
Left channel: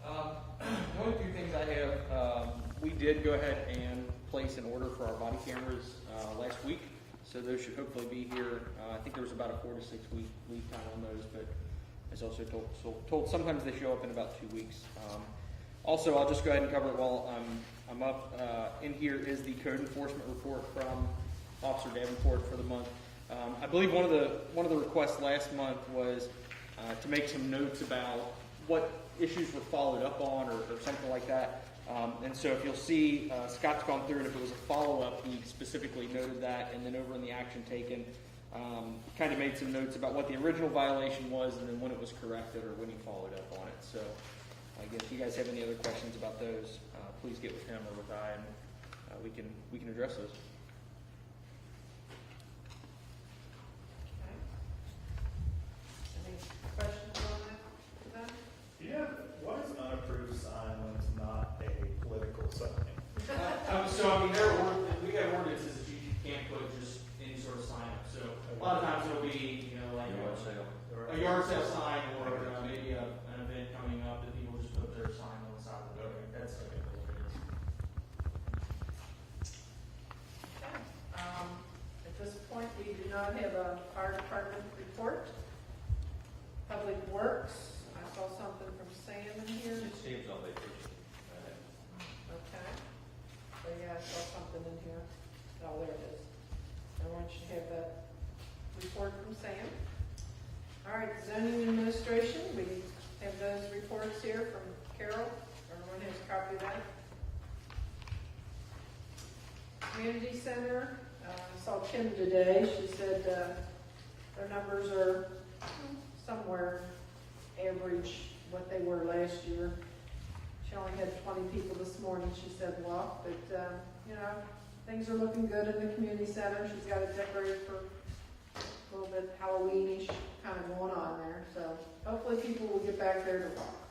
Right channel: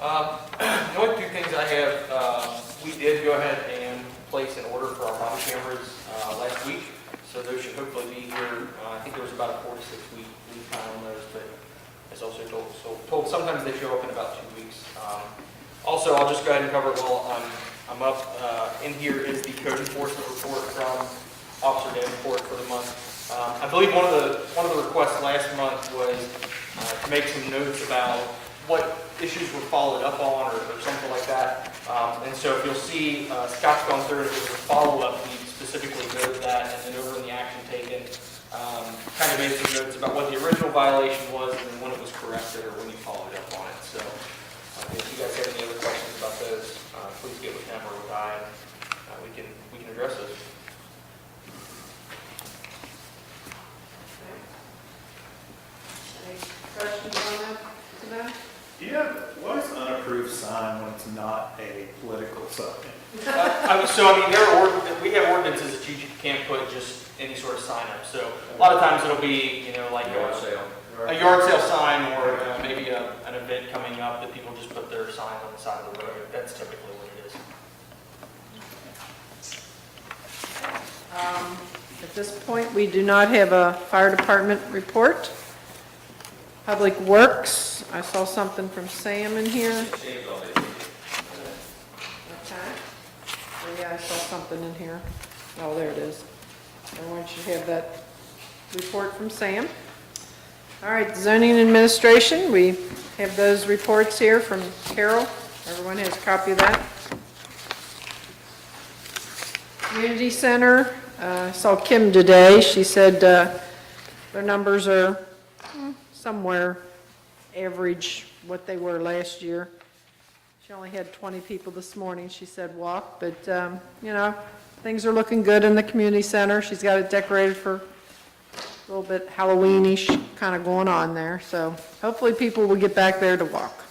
The only two things I have, we did go ahead and place an order for our body cameras last week, so those should hopefully be here. I think there was about a 4-to-6 week lead time on those, but as also told sometimes they show up in about 2 weeks. Also, I'll just go ahead and cover it while I'm up. In here is the code enforcement report from Officer Davenport for the month. I believe one of the requests last month was to make some notes about what issues were followed up on or something like that. And so if you'll see, Scott's gone through it. If it was a follow-up, he specifically noted that, and then over in the action taken, kind of made some notes about what the original violation was and then when it was corrected or when he followed up on it. So if you guys have any other questions about those, please get with him or with I, and we can address those. Any questions on that? What is unapproved sign when it's not a political sign? We have ordinances that you can't put just any sort of sign up. So a lot of times it'll be, like a yard sale sign or maybe an event coming up that people just put their sign on the side of the road. That's typically what it is. At this point, we do not have a fire department report. Public Works, I saw something from Sam in here. Okay. Oh, yeah, I saw something in here. Oh, there it is. Everyone should have that report from Sam. All right, zoning administration, we have those reports here from Carol. Everyone has a copy of that. Community Center, I saw Kim today. She said their numbers are somewhere average what they were last year. She only had 20 people this morning, she said, walk, but, things are looking good in the community center. She's got it decorated for a little bit Halloween-ish kind of going on there, so hopefully people will get back there to walk.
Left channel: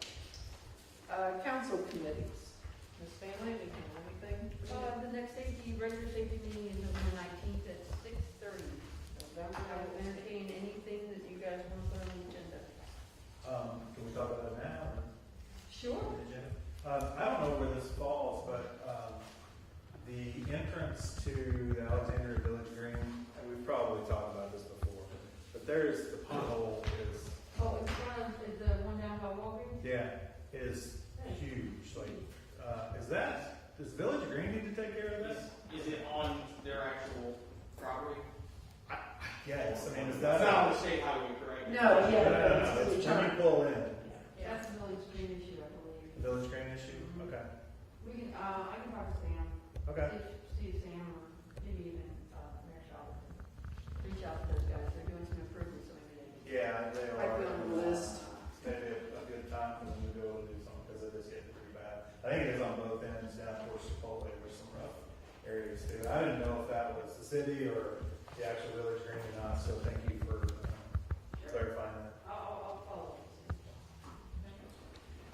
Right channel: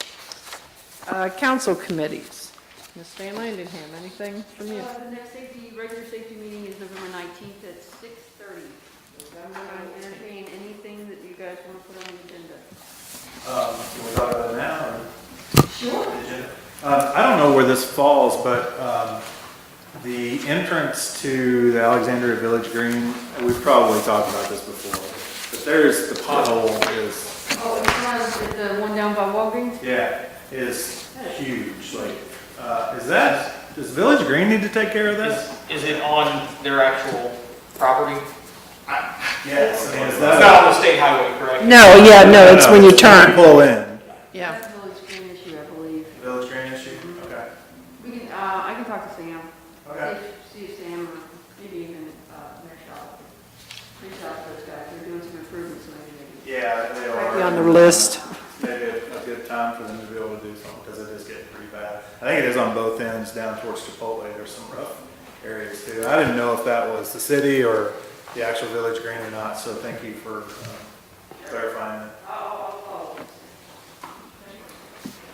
Council committees. Ms. Van Landenham, anything from you? The next regular safety meeting is November 19th at 6:30. I entertain anything that you guys want to put on the agenda. Can we talk about it now? Sure. I don't know where this falls, but the entrance to the Alexandria Village Green, we've probably talked about this before, but there's, the pothole is, Oh, it's not the one down by Walgreens? is huge. Does Village Green need to take care of that? Is it on their actual property? Yes. It's not on the state highway, correct? No, it's when you turn. Pull in. Yeah. That's a Village Green issue, I believe. Village Green issue? Okay. We can, I can talk to Sam. Okay. See if Sam or maybe even Mayor Shaw. Reach out to those guys. They're doing some improvements maybe. Yeah, they are. Be on the list. Maybe a good time for them to be able to do something, because it is getting pretty bad. I think it is on both ends, down towards Chipotle, there's some rough areas too. I didn't know if that was the city or the actual Village Green or not, so thank you for clarifying that.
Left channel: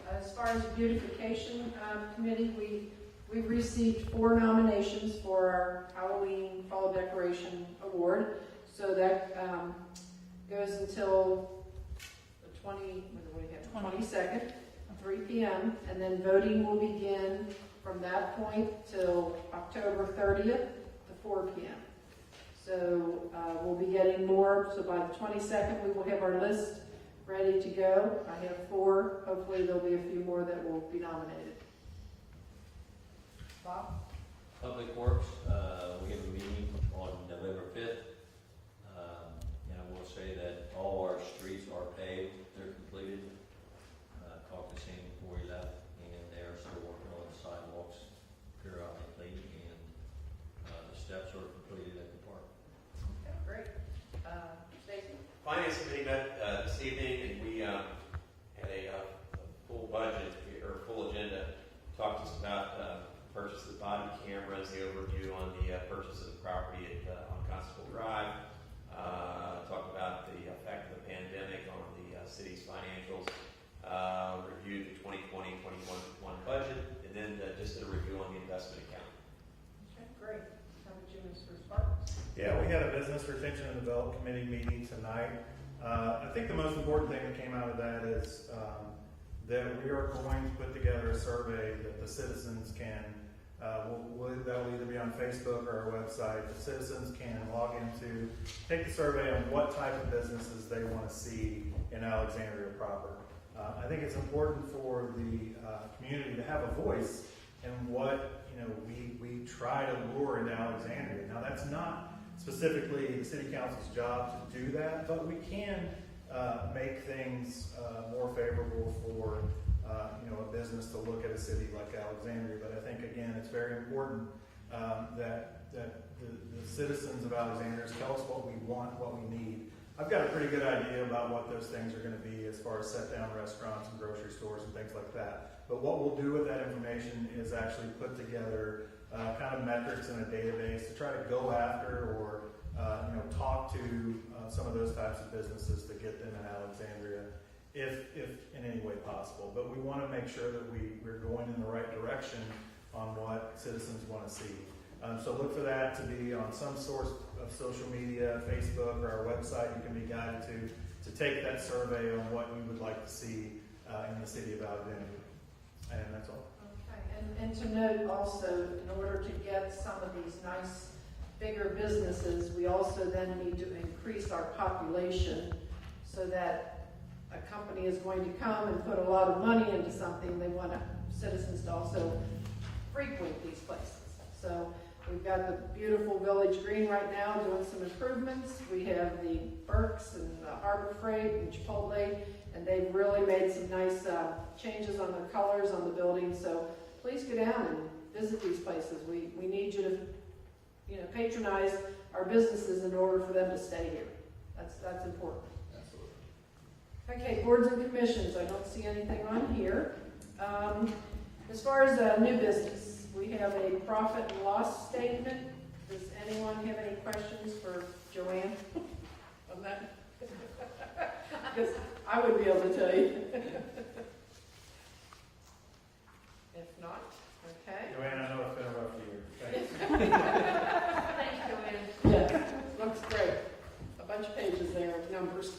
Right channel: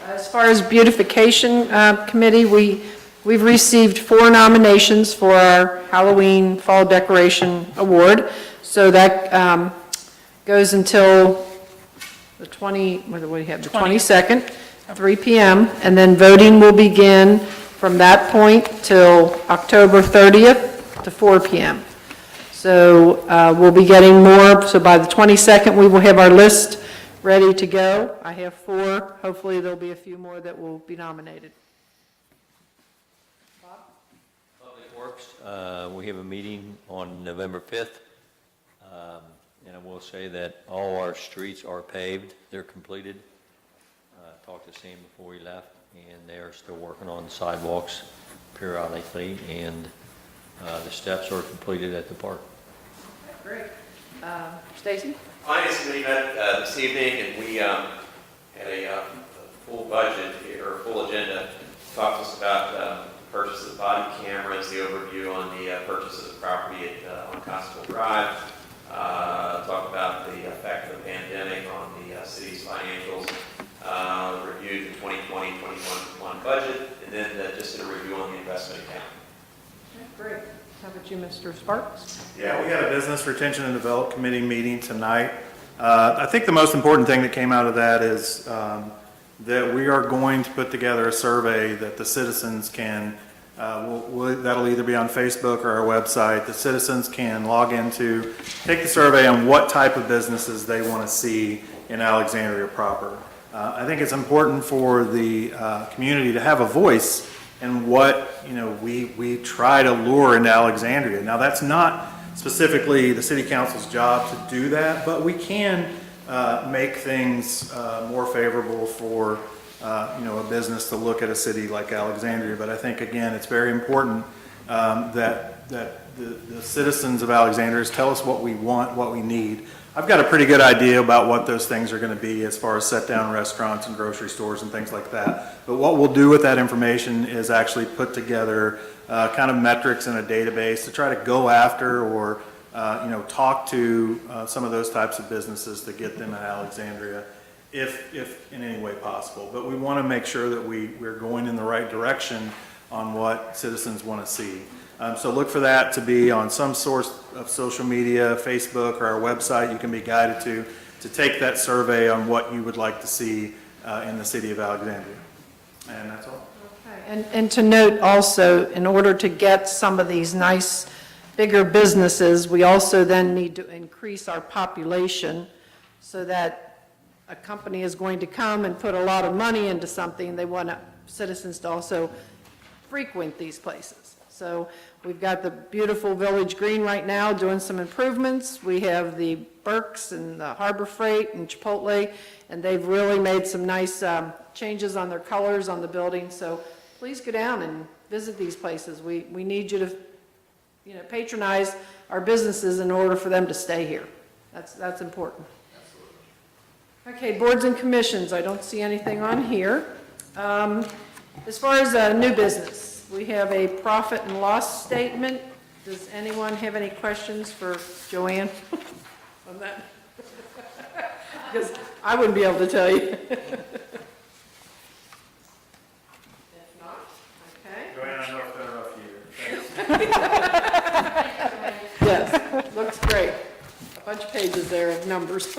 As far as beautification committee, we've received 4 nominations for our Halloween Fall Decoration Award. So that goes until the 22nd, 3 p.m. And then voting will begin from that point till October 30th to 4 p.m. So we'll be getting more. So by the 22nd, we will have our list ready to go. I have 4. Hopefully, there'll be a few more that will be nominated. Public Works, we have a meeting on November 5th. And I will say that all our streets are paved, they're completed. Talked to Sam before he left, and they are still working on sidewalks periodically, and the steps are completed at the park. Great. Stacy? Finance Committee met this evening, and we had a full budget here, or full agenda. Talked to us about purchase of body cameras, the overview on the purchase of the property on Constable Drive. Talked about the effect of the pandemic on the city's financials. Reviewed the 2020-21 budget, and then just a review on the investment account. Great. How about you, Mr. Sparks? Yeah, we had a Business Retention and Development Committee meeting tonight. I think the most important thing that came out of that is that we are going to put together a survey that the citizens can, that'll either be on Facebook or our website. The citizens can log into, take the survey on what type of businesses they want to see in Alexandria proper. I think it's important for the community to have a voice in what, we try to lure into Alexandria. Now, that's not specifically the city council's job to do that, but we can make things more favorable for, a business to look at a city like Alexandria. But I think, again, it's very important that the citizens of Alexandria tell us what we want, what we need. I've got a pretty good idea about what those things are going to be as far as set-down restaurants and grocery stores and things like that. But what we'll do with that information is actually put together kind of metrics in a database to try to go after or, talk to some of those types of businesses to get them in Alexandria if in any way possible. But we want to make sure that we're going in the right direction on what citizens want to see. So look for that to be on some source of social media, Facebook, or our website. You can be guided to take that survey on what you would like to see in the city of Alexandria. And that's all. Okay. And to note also, in order to get some of these nice, bigger businesses, we also then need to increase our population so that a company is going to come and put a lot of money into something. They want citizens to also frequent these places. So we've got the beautiful Village Green right now doing some improvements. We have the Burke's and the Harbor Freight and Chipotle, and they've really made some nice changes on their colors on the building. So please go down and visit these places. We need you to, patronize our businesses in order for them to stay here. That's important. Okay, boards and commissions. I don't see anything on here. As far as new business, we have a profit and loss statement. Does anyone have any questions for Joanne on that? Because I wouldn't be able to tell you. If not, okay. Joanne, I know it's been a rough year. Yes, looks great. A bunch of pages there of numbers.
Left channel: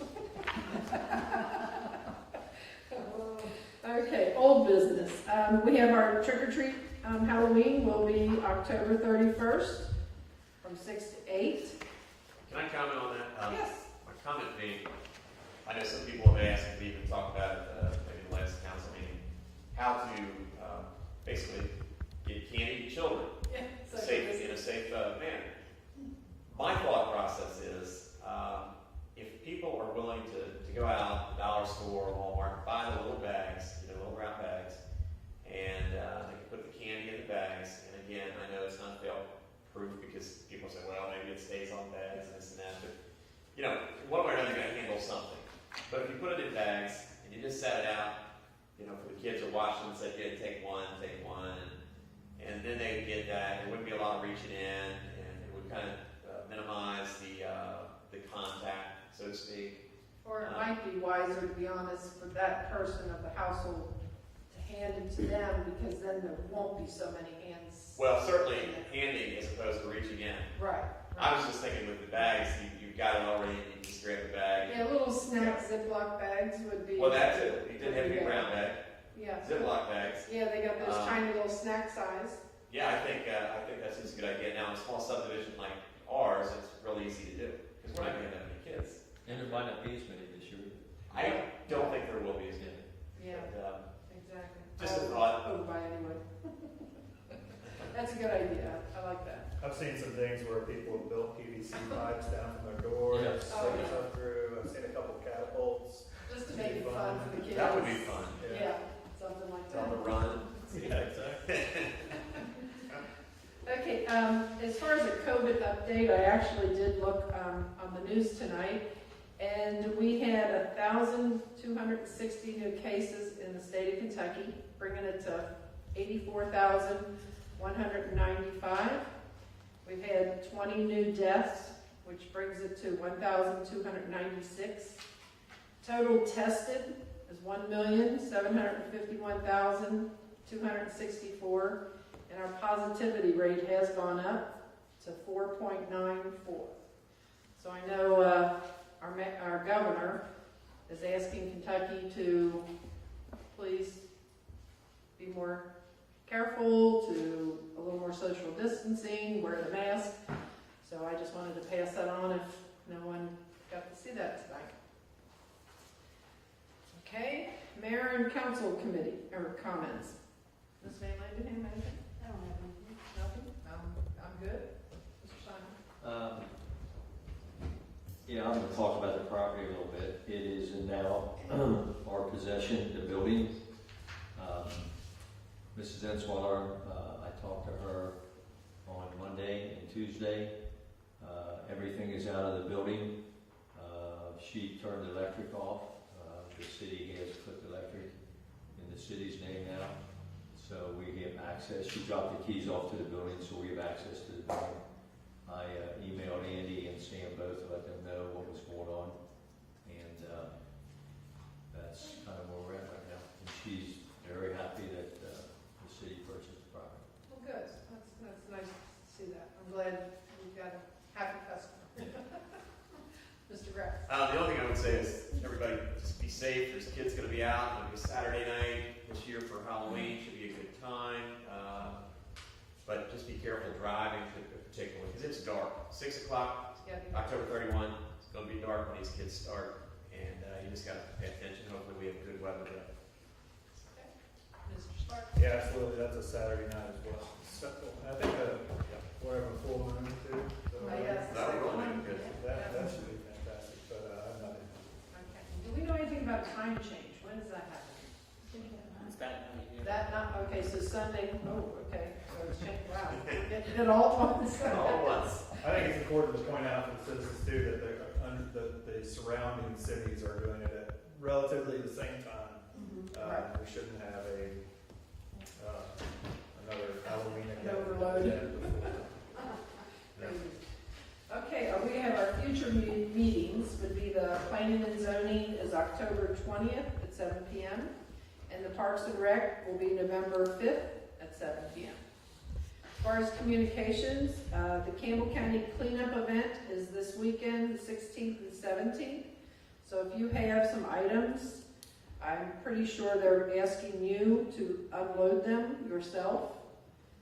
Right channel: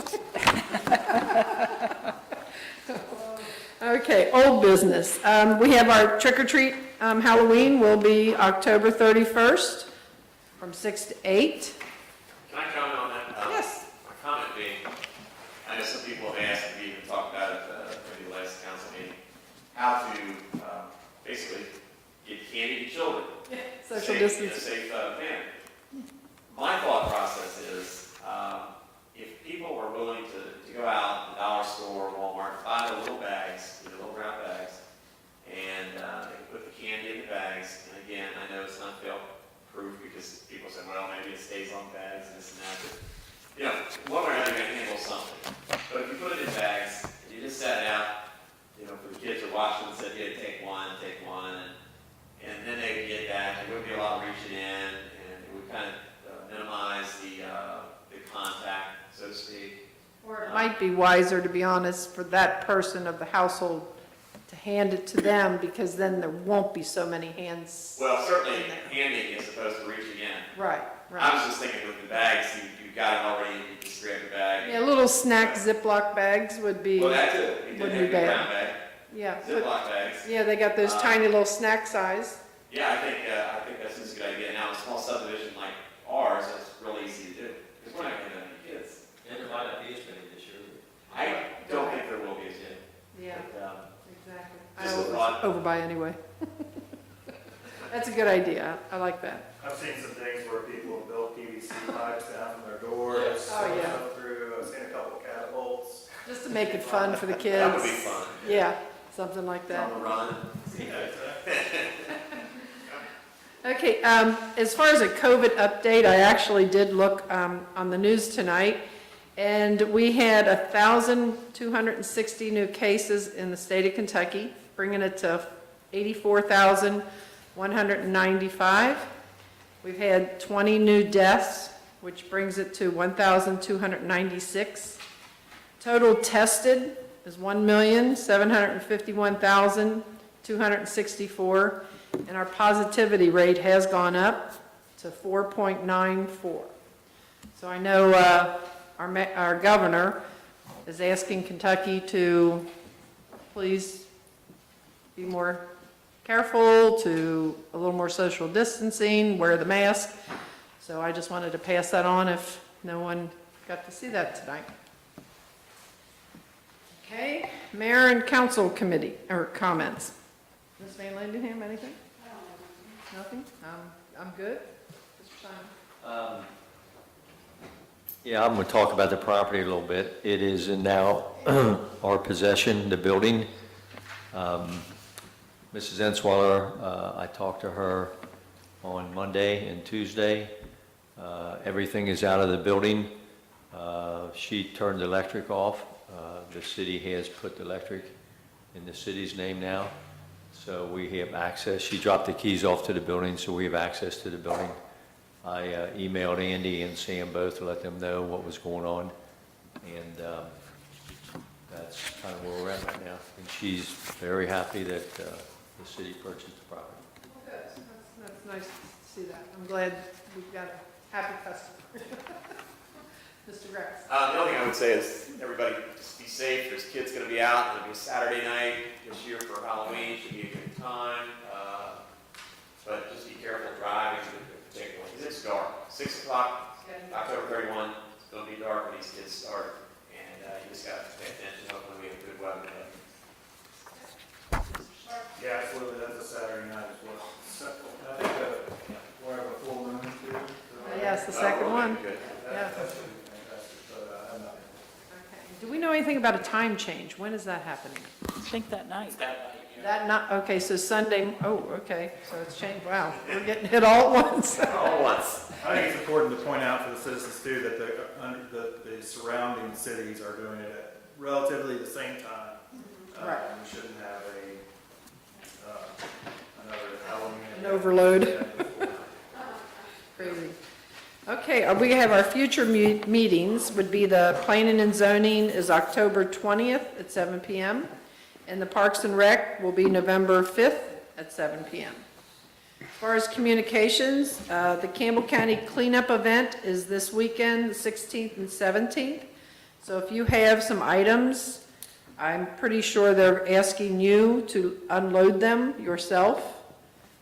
Okay, old business. We have our trick-or-treat Halloween will be October 31st from 6 to 8. Can I comment on that? Yes. My comment being, I know some people have asked, and we even talked about it maybe the last council meeting, how to basically get candy to children Social in a distance. safe manner. My thought process is, if people are willing to go out, the dollar store, Walmart, buy the little bags, little brown bags, and they can put the candy in the bags. And again, I know it's not fail-proof because people say, well, maybe it stays on bags and this and that. But, one way or another, you're going to handle something. But if you put it in bags, and you just set it out, for the kids to watch them and said, yeah, take one, and then they would get that. There wouldn't be a lot of reaching in, and it would kind of minimize the contact, so to speak. Or it might be wiser, to be honest, for that person of the household to hand it to them, because then there won't be so many hands. Well, certainly handing as opposed to reaching in. Right, I right. was just thinking with the bags, you got it already, you just grab the bag. Yeah, little snack Ziploc bags would be. Well, that's it. You would didn't be have your bad. brown bag, Yeah. Ziploc bags. Yeah, they got those tiny little snack size. Yeah, I think that's just a good idea. Now, a small subdivision like ours, that's really easy to do, because we're not going to have any kids. And there might not be as many this year. I don't think there will be as many. Yeah, But, exactly. just I a thought. overbuy anyway. That's a good idea. I like that. I've seen some things where people have built PVC pipes down from their door. Yes. Oh, yeah. Stuff through. I've seen a couple catapults. Just to make it fun for the kids. That would be fun. Yeah, something like that. On the run. Yeah, exactly. Okay, as far as a COVID update, I actually did look on the news tonight, and we had 1,260 new cases in the state of Kentucky, bringing it to 84,195. We've had 20 new deaths, which brings it to 1,296. Total tested is 1,751,264. And our positivity rate has gone up to 4.94. So I know our governor is asking Kentucky to please be more careful, to a little more social distancing, wear the mask. So I just wanted to pass that on if no one got to see that tonight. Okay, Mayor and council committee, or comments. Ms. Van Landenham, anything? Nothing? I'm good. Mr. Simon? Yeah, I'm going to talk about the property a little bit. It is in now our possession, the building. Mrs. Enswaller, I talked to her on Monday and Tuesday. Everything is out of the building. She turned the electric off. The city has put the electric in the city's name now, so we have access. She dropped the keys off to the building, so we have access to the building. I emailed Andy and Sam both to let them know what was going on, and that's kind of where we're at right now. And she's very happy that the city purchased the property. Good. That's nice to see that. I'm glad we've got a happy customer. Mr. Grass? The only thing I would say is, everybody just be safe. There's kids gonna be out. It'll be Saturday night this year for Halloween. Should be a good time. But just be careful driving, particularly, because it's dark. 6 o'clock, October 31, it's gonna be dark when these kids start. And you just gotta pay attention. Hopefully we have good weather today. Yeah, absolutely, that's a Saturday night as well. So, I think we're having a full moon too. Yes, the second one. Good. That should be fantastic, but I have nothing. Okay. Do we know anything about a time change? When is that happening? I think that night. That not, okay, so Sunday, oh, okay, so it's changed, wow, we're getting hit all at once. All at once. I think it's important to point out for the citizens too that the surrounding cities are doing it at relatively the same time. Right. We shouldn't have another Halloween. An overload. Crazy. Okay, we have our future meetings would be the planning and zoning is October 20th at 7 p.m. And the Parks and Rec will be November 5th at 7 p.m. As far as communications, the Campbell County Cleanup Event is this weekend, the 16th and 17th. So if you have some items, I'm pretty sure they're asking you to unload them yourself.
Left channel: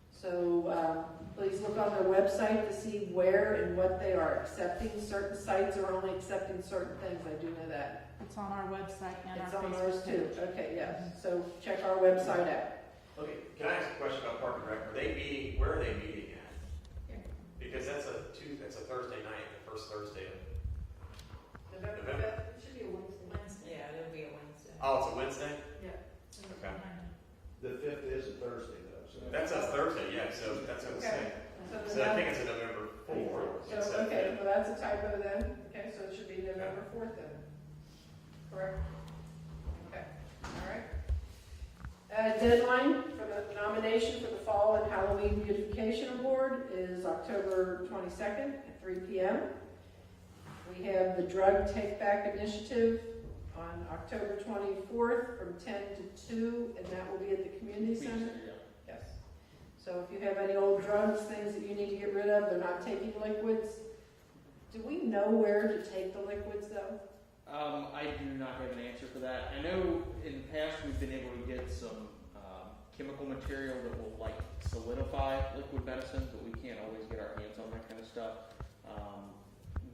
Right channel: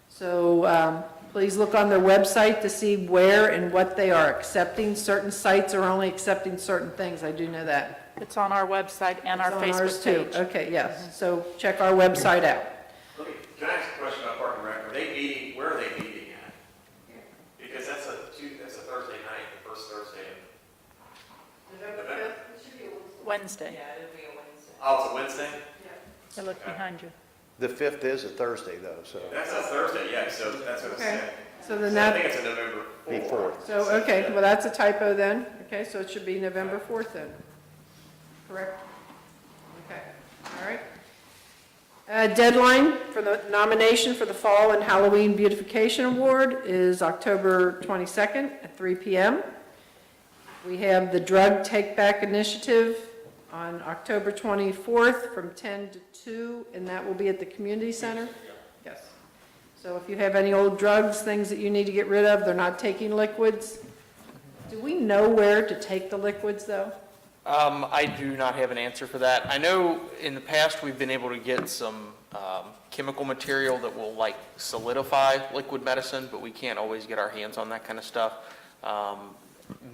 So please look on their website to see where and what they are accepting. Certain sites are only accepting certain things, I do know that. It's on our website and our It's on ours Facebook too. page. Okay, yes, so check our website out. Okay, can I ask a question about Park and Rec? Are they meeting, where are they meeting at? Because that's a Thursday night, the first Thursday of November. Wednesday. Yeah, it'll be a Wednesday. Oh, it's a Wednesday? I look behind you. The 5th is a Thursday though, so. That's a Thursday, yeah, so that's what I Okay. said. So then So I that, think it's a November 4th. Before. so, okay, well, that's a typo then. Okay, so it should be November 4th then. Correct? Okay, all right. Deadline for the nomination for the Fall and Halloween Beautification Award is October 22nd at 3 p.m. We have the Drug Take Back Initiative on October 24th from 10 to 2, and that will be at the community center? Yes. So if you have any old drugs, things that you need to get rid of, they're not taking liquids. Do we know where to take the liquids, though? I do not have an answer for that. I know in the past we've been able to get some chemical material that will like solidify liquid medicine, but we can't always get our hands on that kind of stuff.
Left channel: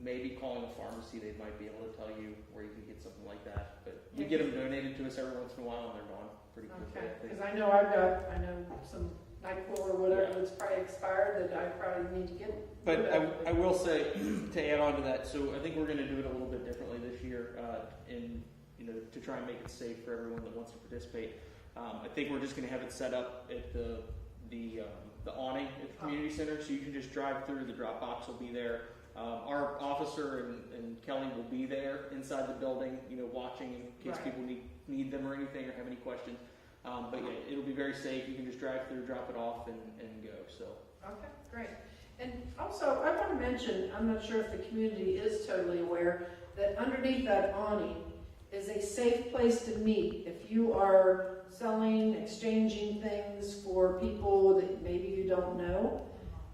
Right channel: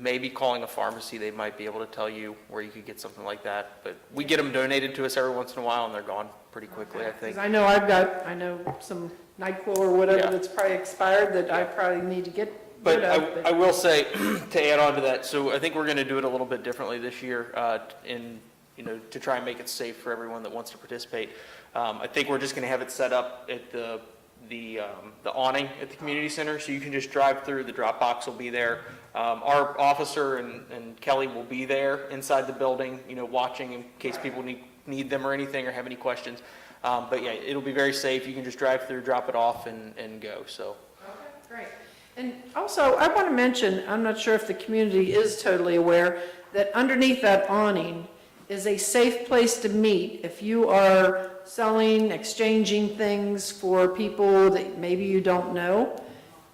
Maybe calling a pharmacy, they might be able to tell you where you could get something like that. But we get them donated to us every once in a while, and they're gone pretty quickly, I think. Because I know I know some NyQuil or whatever Yeah. that's probably expired that I probably need to get But rid of. I will say, to add on to that, so I think we're going to do it a little bit differently this year, to try and make it safe for everyone that wants to participate. I think we're just going to have it set up at the awning at the community center, so you can just drive through. The drop box will be there. Our officer and Kelly will be there inside the building, watching in case people need them or anything or have any questions. But yeah, it'll be very safe. You can just drive through, drop it off, and go. So. Okay, great. And also, I want to mention, I'm not sure if the community is totally aware, that underneath that awning is a safe place to meet if you are selling, exchanging things for people that maybe you don't know.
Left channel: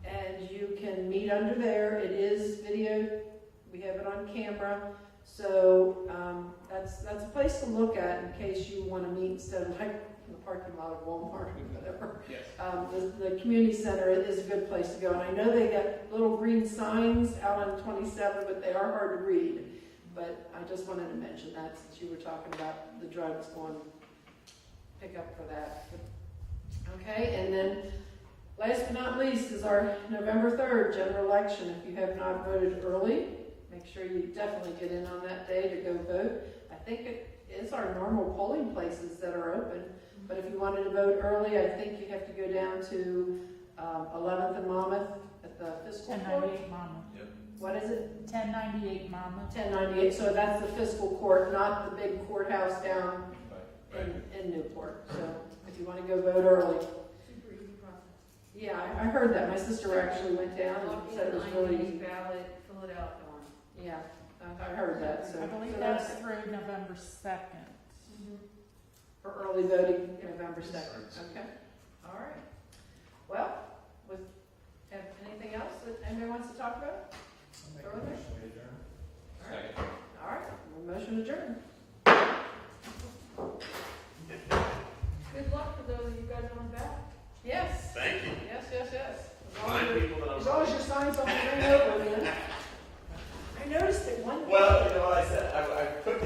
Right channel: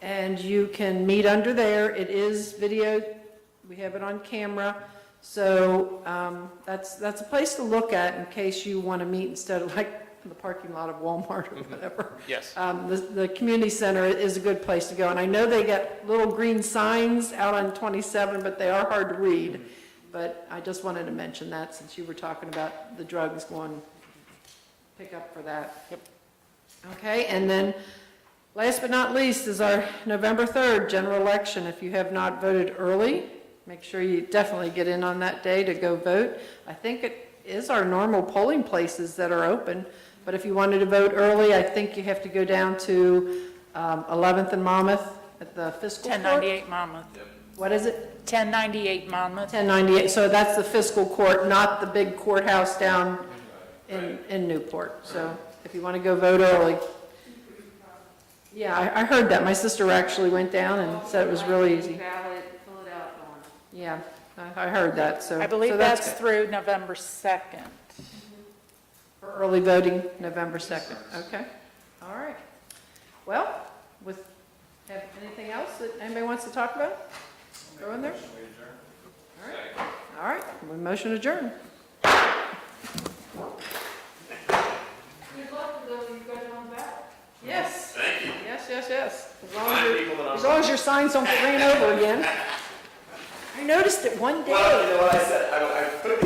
And you can meet under there. It is videoed. We have it on camera. So that's a place to look at in case you want to meet instead of like in the parking lot of Walmart or whatever. Yes. The community center is a good place to go. And I know they got little green signs out on 27, but they are hard to read. but I just wanted to mention that since you were talking about the drugs going, pick up for that. Okay, and then last but not least is our November 3rd general election. If you have not voted early, make sure you definitely get in on that day to go vote. I think it is our normal polling places that are open, but if you wanted to vote early, I think you have to go down to 11th and Monmouth at the fiscal court. 1098 Monmouth. What is it? 1098 Monmouth. 1098, so that's the fiscal court, not the big courthouse down in Newport. So if you want to go vote early. Yeah, I heard that. My sister actually went down and said it was really easy. Ballot, fill it out on. Yeah, I heard that, so. I believe so that's good. through November 2nd. For early voting, November 2nd, okay? All right. Well, have anything else that anybody wants to talk about? Go in there? All right, motion adjourned. Good luck to those of you guys on the back. Yes. Thank you. Yes. Remind people that I'm- As long as your signs don't get ran over again. I noticed it one day. Well, you know, I said, I put